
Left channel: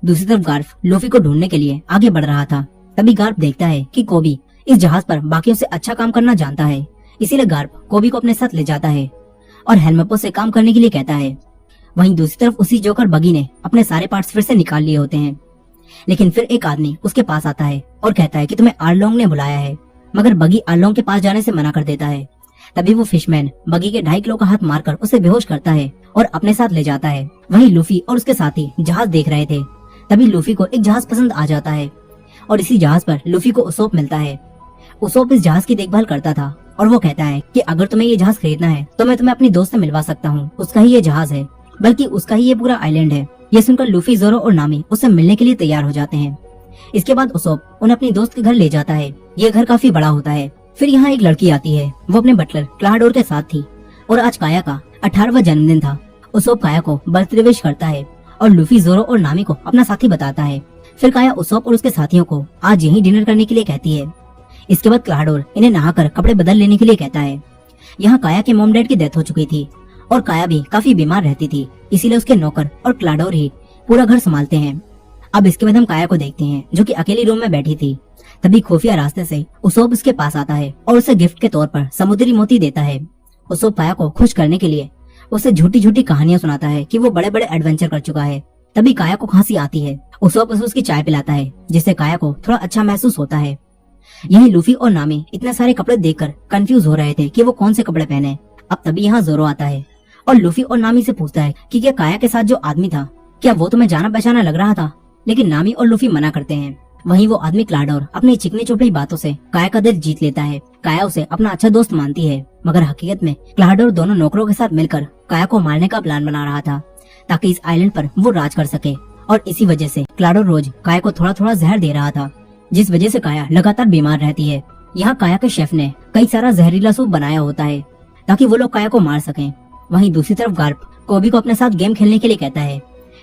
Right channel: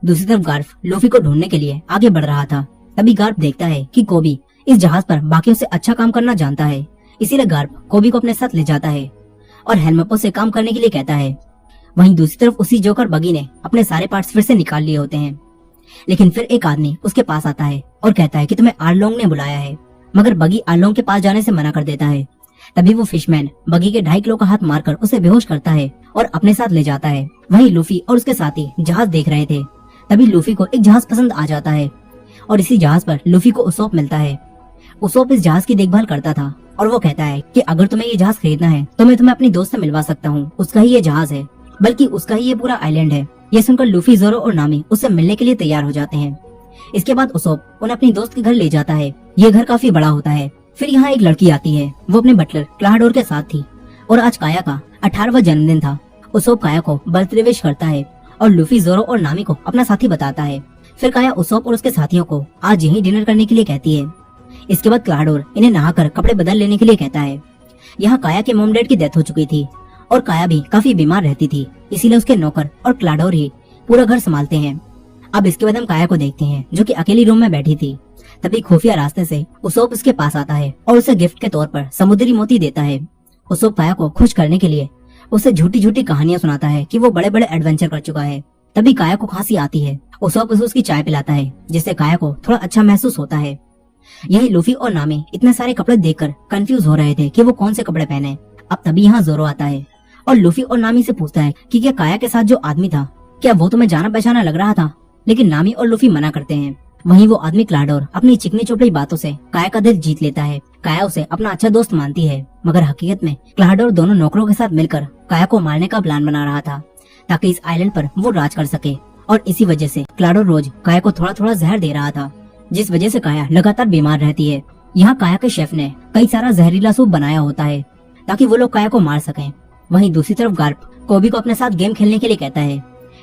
दूसरी तरफ गार्फ लूफी को ढूंढने के लिए आगे बढ़ रहा था। तभी गार्फ देखता है कि कोबी इस जहाज पर बाकियों से अच्छा काम करना जानता है, इसीलिए गार्फ कोबी को अपने साथ ले जाता है और हेलमेपो से काम करने के लिए कहता है। वहीं दूसरी तरफ उसी जोकर बगी ने अपने सारे पार्ट्स फिर से निकाल लिए होते हैं, लेकिन फिर एक आदमी उसके पास आता है और कहता है कि तुम्हें आर्लोंग ने बुलाया है, मगर बगी आर्लोंग के पास जाने से मना कर देता है। तभी वो फिशमैन बगी के 2.5 किलो का हाथ मारकर उसे बेहोश करता है और अपने साथ ले जाता है। वहीं लूफी और उसके साथी जहाज देख रहे थे। तभी लूफी को एक जहाज पसंद आ जाता है और इसी जहाज पर लूफी को उसोप मिलता है। उसोप इस जहाज की देखभाल करता था और वो कहता है कि अगर तुम्हें ये जहाज खरीदना है तो मैं तुम्हें अपनी दोस्त से मिलवा सकता हूँ, उसका ही ये जहाज है, बल्कि उसका ही ये पूरा आइलैंड है। ये सुनकर लूफी, जोरो और नामी उससे मिलने के लिए तैयार हो जाते हैं। इसके बाद उसोप उन्हें अपनी दोस्त के घर ले जाता है। ये घर काफी बड़ा होता है। फिर यहाँ एक लड़की आती है, वो अपने बटलर क्लाडोर के साथ थी और आज काया का 18वां जन्मदिन था। उसोप काया को बर्थडे विश करता है और लूफी, जोरो और नामी को अपना साथी बताता है। फिर काया उसोप और उसके साथियों को आज यहीं डिनर करने के लिए कहती है। इसके बाद क्लाडोर इन्हें नहाकर कपड़े बदल लेने के लिए कहता है। यहाँ काया के मॉम डैड की डेथ हो चुकी थी और काया भी काफी बीमार रहती थी, इसीलिए उसके नौकर और क्लाडोर ही पूरा घर संभालते हैं। अब इसके बाद हम काया को देखते हैं, जो कि अकेली रूम में बैठी थी। तभी खुफिया रास्ते से उसोप उसके पास आता है और उसे गिफ्ट के तौर पर समुद्री मोती देता है। उसोप काया को खुश करने के लिए उसे झूठी झूठी कहानियां सुनाता है कि वो बड़े बड़े एडवेंचर कर चुका है। तभी काया को खांसी आती है। उसोप उसे उसकी चाय पिलाता है, जिससे काया को थोड़ा अच्छा महसूस होता है। यही लूफी और नामी इतने सारे कपड़े देखकर कंफ्यूज हो रहे थे कि वो कौन से कपड़े पहने। अब तभी यहाँ जोरो आता है और लूफी और नामी से पूछता है कि क्या काया के साथ जो आदमी था, क्या वो तुम्हें जाना पहचाना लग रहा था? लेकिन नामी और लूफी मना करते हैं। वहीं वो आदमी क्लाडोर अपनी चिकनी चोपड़ी बातों से काया का दिल जीत लेता है। काया उसे अपना अच्छा दोस्त मानती है, मगर हकीकत में क्लाडोर दोनों नौकरों के साथ मिलकर काया को मारने का प्लान बना रहा था, ताकि इस आइलैंड पर वो राज कर सके। और इसी वजह से क्लाडोर रोज काया को थोड़ा थोड़ा जहर दे रहा था, जिस वजह से काया लगातार बीमार रहती है। यहाँ काया के शेफ ने कई सारा जहरीला सूप बनाया होता है, ताकि वो लोग काया को मार सकें। वहीं दूसरी तरफ गार्प कोबी को अपने साथ गेम खेलने के लिए कहता है।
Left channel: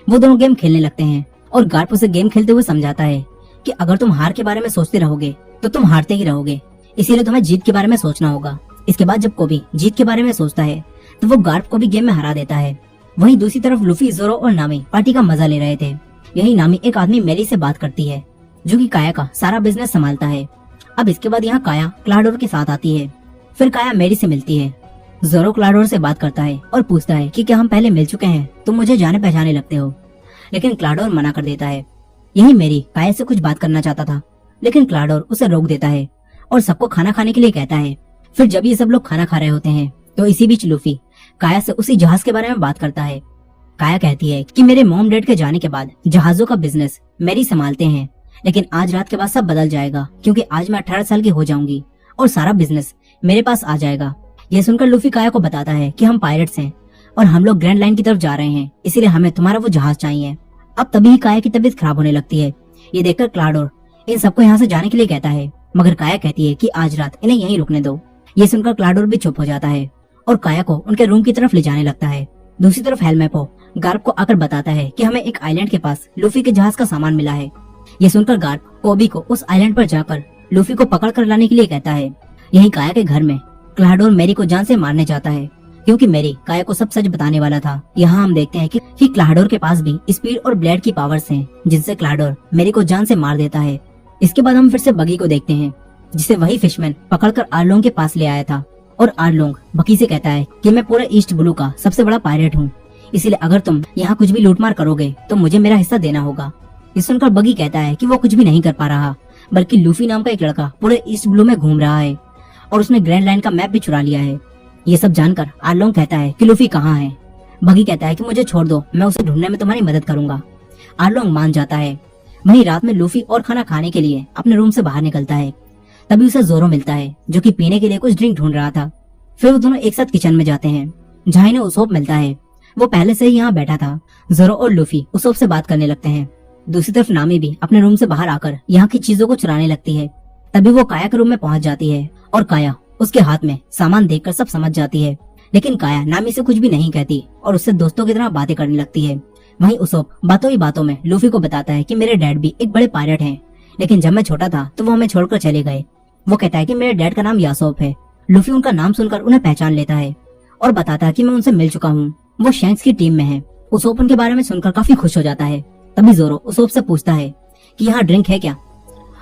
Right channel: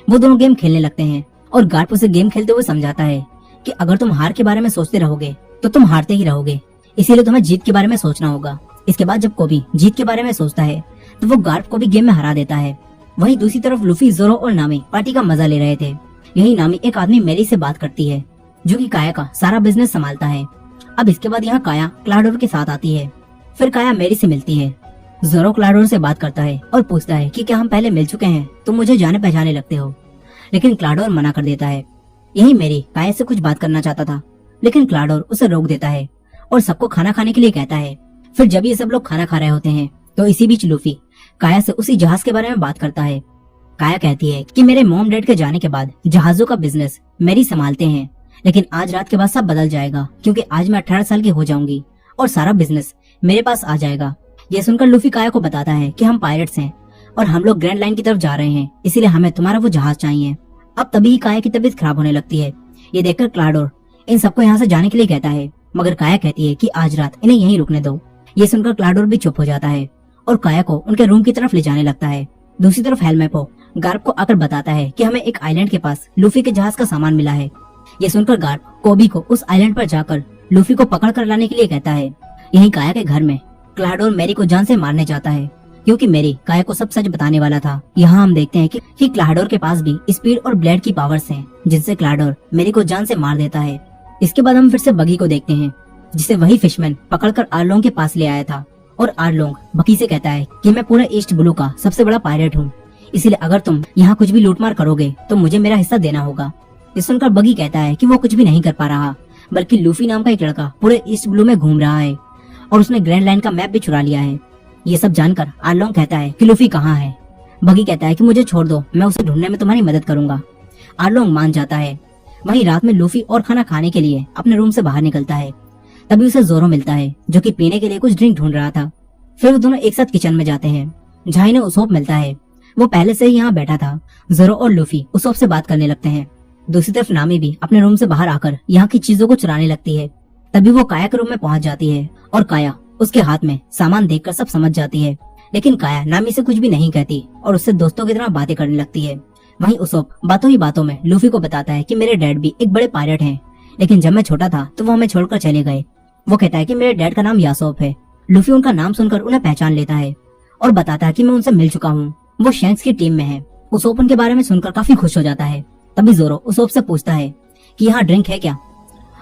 वो दोनों गेम खेलने लगते हैं और गार्प उसे गेम खेलते हुए समझाता है कि अगर तुम हार के बारे में सोचते रहोगे तो तुम हारते ही रहोगे, इसीलिए तुम्हें जीत के बारे में सोचना होगा। इसके बाद जब कोबी जीत के बारे में सोचता है तो वो गार्प को भी गेम में हरा देता है। वहीं दूसरी तरफ लूफी, जोरो और नामी पार्टी का मजा ले रहे थे। यही नामी एक आदमी मेरी से बात करती है, जो कि काया का सारा बिजनेस संभालता है। अब इसके बाद यहाँ काया क्लाडोर के साथ आती है। फिर काया मेरी से मिलती है। जोरो क्लाडोर से बात करता है और पूछता है कि क्या हम पहले मिल चुके हैं, तुम मुझे जाने पहचाने लगते हो। लेकिन क्लाडोर मना कर देता है। यही मेरी काया से कुछ बात करना चाहता था, लेकिन क्लाडोर उसे रोक देता है और सबको खाना खाने के लिए कहता है। फिर जब ये सब लोग खाना खा रहे होते हैं तो इसी बीच लूफी काया से उसी जहाज के बारे में बात करता है। काया कहती है कि मेरे मॉम डैड के जाने के बाद जहाजों का बिजनेस मैरी संभालते हैं, लेकिन आज रात के बाद सब बदल जाएगा क्योंकि आज मैं 18 साल की हो जाऊंगी और सारा बिजनेस मेरे पास आ जाएगा। यह सुनकर लूफी काया को बताता है कि हम पायरेट्स हैं और हम लोग ग्रैंड लाइन की तरफ जा रहे हैं, इसीलिए हमें तुम्हारा वो जहाज चाहिए। अब तभी काया की तबीयत खराब होने लगती है। ये देखकर क्लाडोर इन सबको यहाँ से जाने के लिए कहता है, मगर काया कहती है कि आज रात इन्हें यहीं रुकने दो। ये सुनकर क्लाडोर भी चुप हो जाता है और काया को उनके रूम की तरफ ले जाने लगता है। दूसरी तरफ हेलमेपो गार्प को आकर बताता है कि हमें एक आइलैंड के पास लूफी के जहाज का सामान मिला है। ये सुनकर गार्प कोबी को उस आइलैंड पर जाकर लूफी को पकड़ कर लाने के लिए कहता है। यहीं काया के घर में क्लाडोर मैरी को जान से मारने चाहता है क्योंकि मैरी काया को सब सच बताने वाला था। यहाँ हम देखते हैं कि क्लाडोर के पास भी स्पीड और ब्लेड की पावर्स हैं, जिनसे क्लाडोर मैरी को जान से मार देता है। इसके बाद हम फिर से बगी को देखते हैं, जिसे वही फिशमैन पकड़कर आर्लोंग के पास ले आया था। और आर्लोंग बगी से कहता है कि मैं पूरे ईस्ट ब्लू का सबसे बड़ा पायरेट हूँ, इसलिए अगर तुम यहाँ कुछ भी लूटमार करोगे तो मुझे मेरा हिस्सा देना होगा। ये सुनकर बगी कहता है कि वो कुछ भी नहीं कर पा रहा, बल्कि लूफी नाम का एक लड़का पूरे ईस्ट ब्लू में घूम रहा है और उसने ग्रैंड लाइन का मैप भी चुरा लिया है। ये सब जानकर आर्लोंग कहता है कि लूफी कहाँ है। बगी कहता है कि मुझे छोड़ दो, मैं उसे ढूंढने में तुम्हारी मदद करूंगा। आर्लोंग मान जाता है। वहीं रात में लूफी और खाना खाने के लिए अपने रूम से बाहर निकलता है। तभी उसे जोरो मिलता है, जो कि पीने के लिए कुछ ड्रिंक ढूंढ रहा था। फिर वो दोनों एक साथ किचन में जाते हैं, जहाँ इन्हें उसोप मिलता है। वो पहले से ही यहाँ बैठा था। जोरो और लूफी उसोप से बात करने लगते हैं। दूसरी तरफ नामी भी अपने रूम से बाहर आकर यहाँ की चीजों को चुराने लगती है। तभी वो काया के रूम में पहुंच जाती है और काया उसके हाथ में सामान देखकर सब समझ जाती है। लेकिन काया नामी से कुछ भी नहीं कहती और उससे दोस्तों की तरह बातें करने लगती है। वहीं उसोप बातों ही बातों में लूफी को बताता है कि मेरे डैड भी एक बड़े पायलट हैं, लेकिन जब मैं छोटा था तो वो हमें छोड़कर चले गए। वो कहता है कि मेरे डैड का नाम यासोप है। लूफी उनका नाम सुनकर उन्हें पहचान लेता है और बताता है कि मैं उनसे मिल चुका हूँ, वो शैंक्स की टीम में है। उसोप उनके बारे में सुनकर काफी खुश हो जाता है। तभी जोरो उसोप से पूछता है कि यहाँ ड्रिंक है क्या।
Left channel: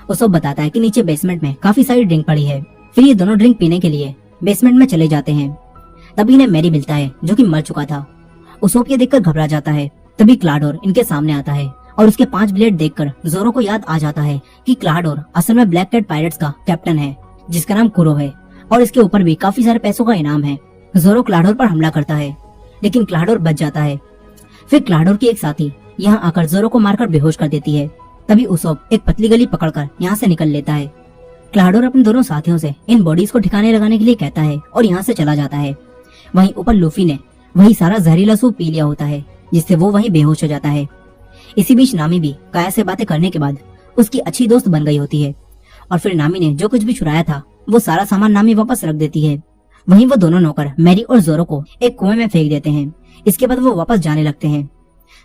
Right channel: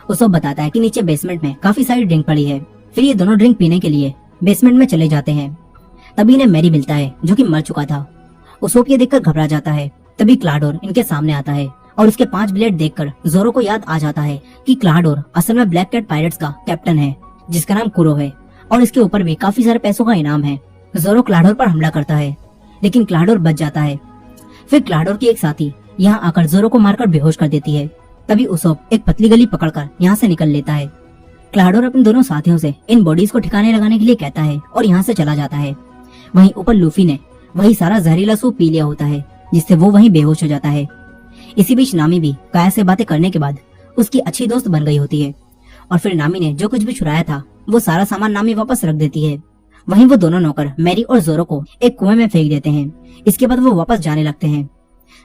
उसोप बताता है कि नीचे बेसमेंट में काफी सारी ड्रिंक पड़ी है। फिर ये दोनों ड्रिंक पीने के लिए बेसमेंट में चले जाते हैं। तभी इन्हें मैरी मिलता है, जो कि मर चुका था। उसोप ये देखकर घबरा जाता है। तभी क्लाडोर इनके सामने आता है और उसके 5 ब्लेड देखकर जोरो को याद आ जाता है कि क्लाडोर असल में ब्लैक कैट पायरेट्स का कैप्टन है, जिसका नाम कुरो है और इसके ऊपर भी काफी सारे पैसों का इनाम है। जोरो क्लाडोर पर हमला करता है, लेकिन क्लाडोर बच जाता है। फिर क्लाडोर की एक साथी यहाँ आकर जोरो को मारकर बेहोश कर देती है। तभी उसोप एक पतली गली पकड़कर यहाँ से निकल लेता है। क्लाडोर अपने दोनों साथियों से इन बॉडीज को ठिकाने लगाने के लिए कहता है और यहाँ से चला जाता है। वहीं ऊपर लूफी ने वही सारा जहरीला सूप पी लिया होता है, जिससे वो वहीं बेहोश हो जाता है। इसी बीच नामी भी काया से बातें करने के बाद उसकी अच्छी दोस्त बन गई होती है और फिर नामी ने जो कुछ भी चुराया था वो सारा सामान नामी वापस रख देती है। वहीं वो दोनों नौकर मैरी और जोरो को एक कुएं में फेंक देते हैं। इसके बाद वो वापस जाने लगते हैं।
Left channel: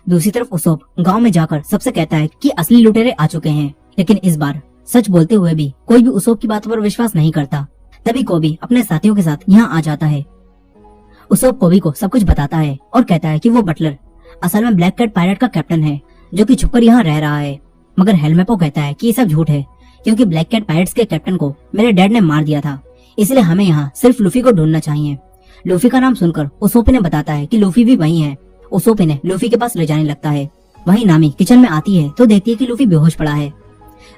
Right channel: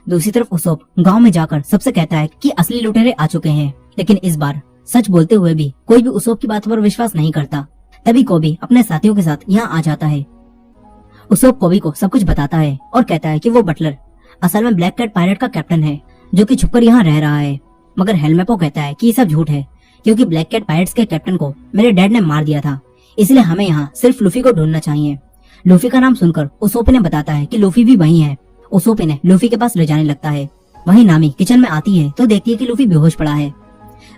दूसरी तरफ उसोप गांव में जाकर सबसे कहता है कि असली लुटेरे आ चुके हैं, लेकिन इस बार सच बोलते हुए भी कोई भी उसोप की बातों पर विश्वास नहीं करता। तभी कोबी अपने साथियों के साथ यहाँ आ जाता है। उसोप कोबी को सब कुछ बताता है और कहता है कि वो बटलर असल में ब्लैक कैट पायलट का कैप्टन है, जो कि छुपकर यहाँ रह रहा है। मगर हेलमेपो कहता है कि ये सब झूठ है, क्योंकि ब्लैक कैट पायरेट्स के कैप्टन को मेरे डैड ने मार दिया था, इसलिए हमें यहाँ सिर्फ लूफी को ढूंढना चाहिए। लूफी का नाम सुनकर उसोप ने बताता है कि लूफी भी वही है। उसोप ने लूफी के पास ले जाने लगता है। वहीं नामी किचन में आती है तो देखती है कि लूफी बेहोश पड़ा है।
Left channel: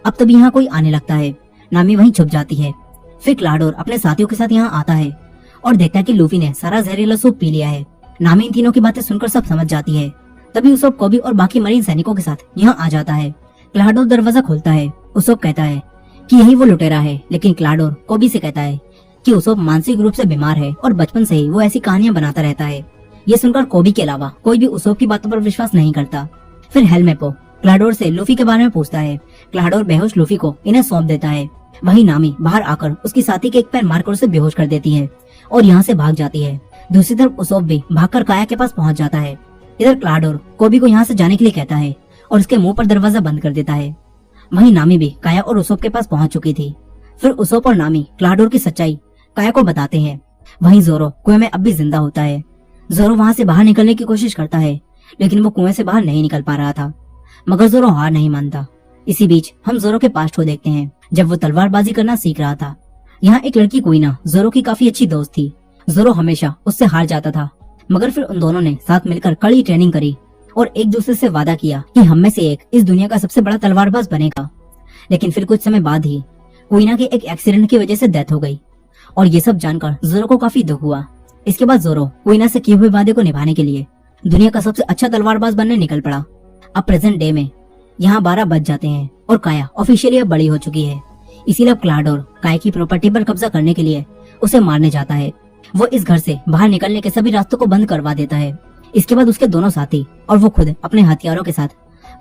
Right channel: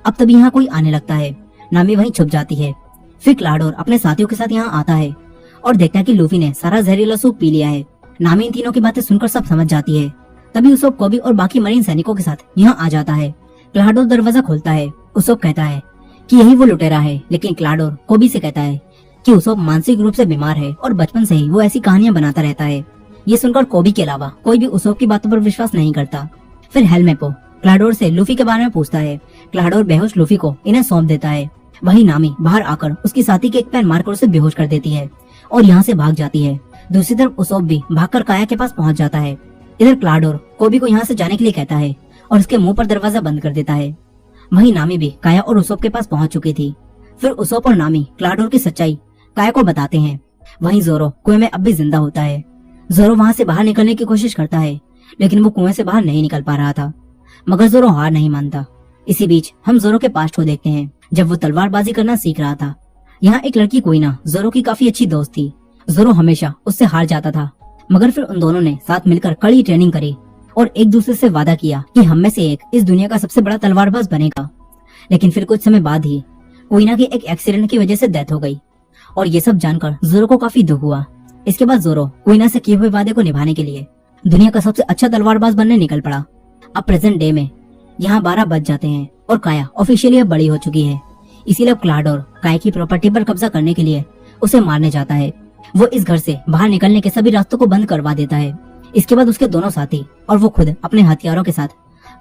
अब तभी यहाँ कोई आने लगता है। नामी वहीं छुप जाती है। फिर क्लाडोर अपने साथियों के साथ यहाँ आता है और देखता है कि लूफी ने सारा जहरीला सूप पी लिया है। नामी इन तीनों की बातें सुनकर सब समझ जाती है। तभी उसोप कोबी और बाकी मरीन सैनिकों के साथ यहाँ आ जाता है। क्लाडोर दरवाजा खोलता है। उसोप कहता है कि यही वो लुटेरा है, लेकिन क्लाडोर कोबी से कहता है कि उसोप मानसिक रूप से बीमार है और बचपन से ही वो ऐसी कहानियां बनाता रहता है। ये सुनकर कोबी के अलावा कोई भी उसोप की बातों पर विश्वास नहीं करता। फिर हेलमेपो क्लाडोर से लूफी के बारे में पूछता है। क्लाडोर बेहोश लूफी को इन्हें सौंप देता है। वहीं नामी बाहर आकर उसकी साथी के एक पैर मारकर उसे बेहोश कर देती है और यहाँ से भाग जाती है। दूसरी तरफ उसोप भी भागकर काया के पास पहुंच जाता है। इधर क्लाडोर कोबी को यहाँ से जाने के लिए कहता है और उसके मुंह पर दरवाजा बंद कर देता है। वहीं नामी भी काया और उसोप के पास पहुंच चुकी थी। फिर उसोप और नामी क्लाडोर की सच्चाई काया को बताते हैं। वहीं जोरो कुएं में अब भी जिंदा होता है। जोरो वहाँ से बाहर निकलने की कोशिश करता है, लेकिन वो कुएं से बाहर नहीं निकल पा रहा था। मगर जोरो हार नहीं मानता। इसी बीच हम जोरो के पास्ट को देखते हैं, जब वो तलवारबाजी करना सीख रहा था। यहाँ एक लड़की कोइना जोरो की काफी अच्छी दोस्त थी। जोरो हमेशा उससे हार जाता था, मगर फिर उन दोनों ने साथ मिलकर कड़ी ट्रेनिंग करी और एक दूसरे से वादा किया कि हम में से एक इस दुनिया का सबसे बड़ा तलवारबाज बनेगा। लेकिन फिर कुछ समय बाद ही कोइना की एक एक्सीडेंट की वजह से डेथ हो गई और ये सब जानकर जोरो को काफी दुख हुआ। इसके बाद जोरो क्वीना से किए हुए वादे को निभाने के लिए दुनिया का सबसे अच्छा तलवारबाज बनने निकल पड़ा। अब प्रेजेंट डे में यहाँ 12 बज जाते हैं और काया ऑफिशियली अब बड़ी हो चुकी है। इसीलिए अब क्लाडोर काया की प्रॉपर्टी पर कब्जा करने के लिए उसे मारने जाता है। वो इस घर से बाहर निकलने के सभी रास्तों को बंद करवा देता है। इसके बाद उसके दोनों साथी और वो खुद अपने हथियारों के साथ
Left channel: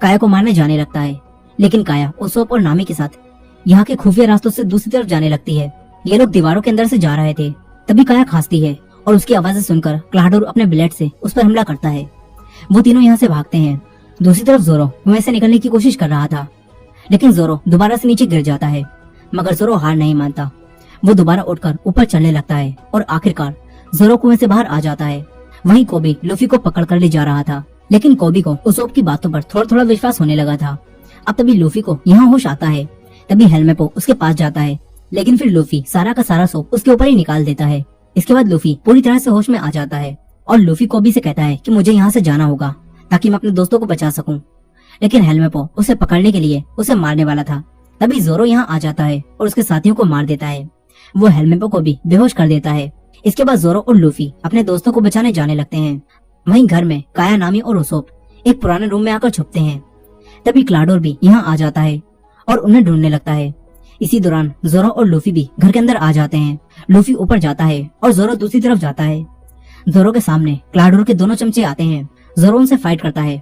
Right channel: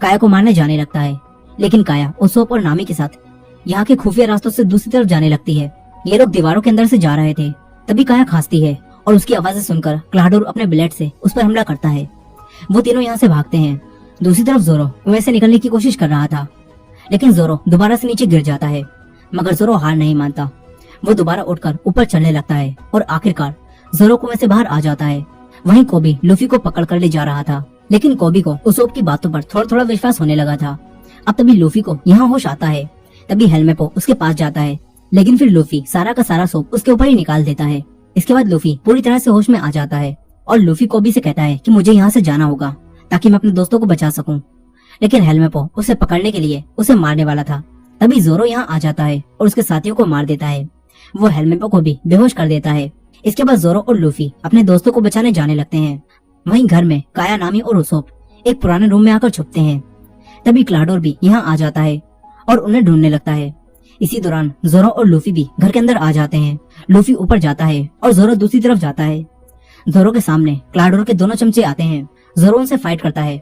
काया को मारने जाने लगता है। लेकिन काया उसोप और नामी के साथ यहाँ के खुफिया रास्तों से दूसरी तरफ जाने लगती है। ये लोग दीवारों के अंदर से जा रहे थे, तभी काया खांसती है और उसकी आवाजें सुनकर क्लाडोर अपने ब्लेड से उस पर हमला करता है। वो तीनों यहाँ से भागते हैं। दूसरी तरफ जोरो कुएं से निकलने की कोशिश कर रहा था, लेकिन जोरो दोबारा से नीचे गिर जाता है। मगर जोरो हार नहीं मानता। वो दोबारा उठकर ऊपर चलने लगता है और आखिरकार जोरो कुएं से बाहर आ जाता है। वहीं कोबी लूफी को पकड़ कर ले जा रहा था, लेकिन कोबी को उसोप की बातों पर थोड़ा थोड़ा विश्वास होने लगा था। अब तभी लूफी को यहाँ होश आता है। तभी हेलमेपो उसके पास जाता है, लेकिन फिर लूफी सारा का सारा सोप उसके ऊपर ही निकाल देता है। इसके बाद लूफी पूरी तरह से होश में आ जाता है और लूफी कोबी से कहता है कि मुझे यहाँ से जाना होगा ताकि मैं अपने दोस्तों को बचा सकूं। लेकिन हेलमेपो उसे पकड़ने के लिए उसे मारने वाला था। तभी जोरो यहाँ आ जाता है और उसके साथियों को मार देता है। वो हेलमेपो को भी बेहोश कर देता है। इसके बाद जोरो और लूफी अपने दोस्तों को बचाने जाने लगते हैं। वहीं घर में काया, नामी और उसोप एक पुराने रूम में आकर छुपते हैं। तभी क्लाडोर भी यहाँ आ जाता है और उन्हें ढूंढने लगता है। इसी दौरान जोरो और लूफी भी घर के अंदर आ जाते हैं। लूफी ऊपर जाता है और जोरो दूसरी तरफ जाता है। जोरो के सामने क्लाडोर के दोनों चमचे आते हैं। जोरो उनसे फाइट करता है।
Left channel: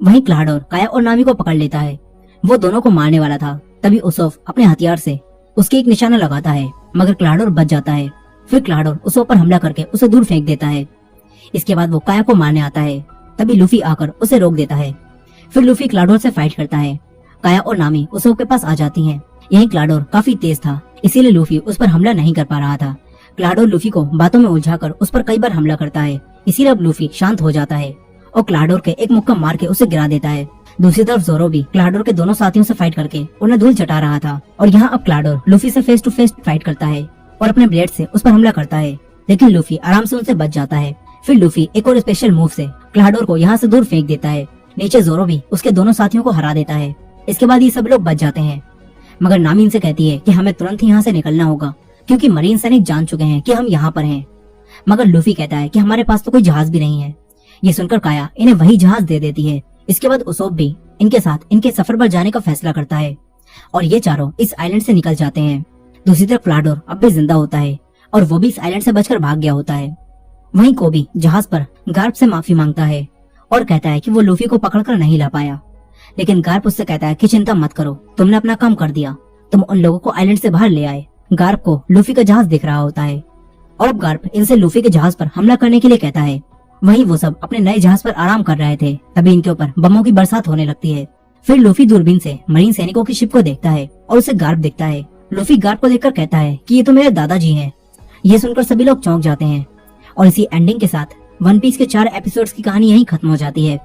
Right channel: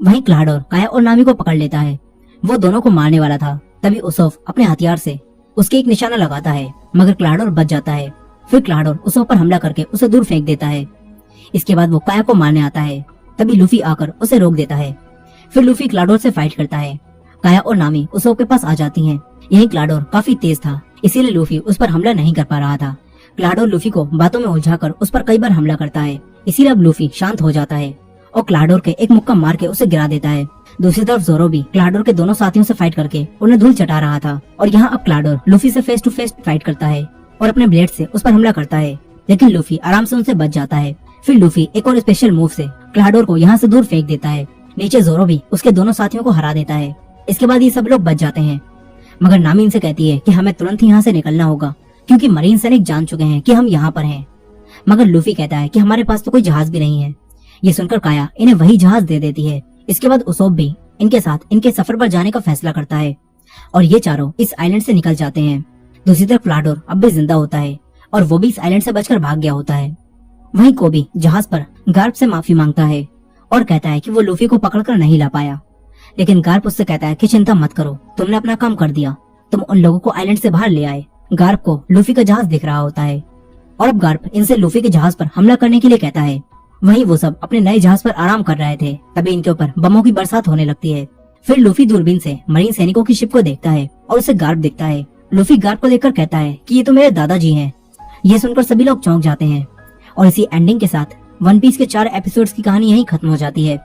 वहीं क्लाडोर काया और नामी को पकड़ लेता है। वो दोनों को मारने वाला था, तभी उसोफ अपने हथियार से उसके एक निशाना लगाता है, मगर क्लाडोर बच जाता है। फिर क्लाडोर उसोफ पर हमला करके उसे दूर फेंक देता है। इसके बाद वो काया को मारने आता है, तभी लूफी आकर उसे रोक देता है। फिर लूफी क्लाडोर से फाइट करता है। काया और नामी उसोफ के पास आ जाती हैं। यही क्लाडोर काफी तेज था, इसीलिए लूफी उस पर हमला नहीं कर पा रहा था। क्लाडोर लूफी को बातों में उलझाकर उस पर कई बार हमला करता है, इसीलिए अब लूफी शांत हो जाता है और क्लाडोर के एक मुक्का मार के उसे गिरा देता है। दूसरी तरफ जोरो भी क्लाडोर के दोनों साथियों से फाइट करके उन्हें धूल चटा रहा था और यहाँ अब क्लाडोर लूफी से फेस टू फेस फाइट करता है और अपने ब्लेड से उस पर हमला करता है, लेकिन लूफी आराम से उनसे बच जाता है। फिर लूफी एक और स्पेशल मूव से क्लाडोर को यहाँ से दूर फेंक देता है। नीचे जोरो भी उसके दोनों साथियों को हरा देता है। इसके बाद ये सब लोग बच जाते हैं, मगर नामी इनसे कहती है कि हमें तुरंत यहाँ से निकलना होगा क्योंकि मरीन सैनिक जान चुके हैं कि हम यहाँ पर हैं। मगर लूफी कहता है कि हमारे पास तो कोई जहाज भी नहीं है। ये सुनकर काया इन्हें वही जहाज दे देती है। इसके बाद उसोप भी इनके साथ इनके सफर पर जाने का फैसला करता है और ये चारों इस आइलैंड से निकल जाते हैं। दूसरी तरफ क्लाडोर अब भी जिंदा होता है और वो भी इस आइलैंड से बचकर भाग गया होता है। वहीं कोबी जहाज पर गार्प से माफी मांगता है और कहता है कि वो लूफी को पकड़कर नहीं ला पाया, लेकिन गार्प उससे कहता है कि चिंता मत करो, तुमने अपना काम कर दिया, तुम उन लोगों को आइलैंड से बाहर ले आए। गार्प को लूफी का जहाज दिख रहा होता है और अब गार्प इनसे लूफी के जहाज पर हमला करने के लिए कहता है। वहीं वो सब अपने नए जहाज पर आराम कर रहे थे, तभी इनके ऊपर बमों की बरसात होने लगती है। फिर लूफी दूरबीन से मरीन सैनिकों की शिप को देखता है और उसे गार्प दिखता है। लूफी गार्प को देखकर कहता है कि ये तो मेरे दादाजी हैं। ये सुनकर सभी लोग चौंक जाते हैं और इसी एंडिंग के साथ वन पीस के 4 एपिसोड्स की कहानी यहीं खत्म हो जाती है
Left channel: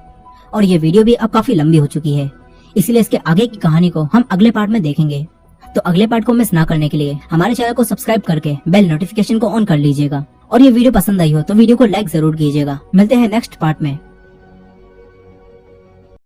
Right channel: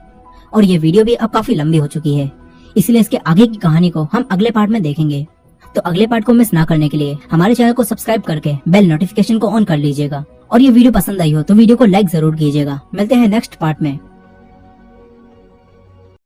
और ये वीडियो भी अब काफी लंबी हो चुकी है, इसलिए इसके आगे की कहानी को हम अगले पार्ट में देखेंगे। तो अगले पार्ट को मिस ना करने के लिए हमारे चैनल को सब्सक्राइब करके बेल नोटिफिकेशन को ऑन कर लीजिएगा और ये वीडियो पसंद आई हो तो वीडियो को लाइक जरूर कीजिएगा। मिलते हैं नेक्स्ट पार्ट में।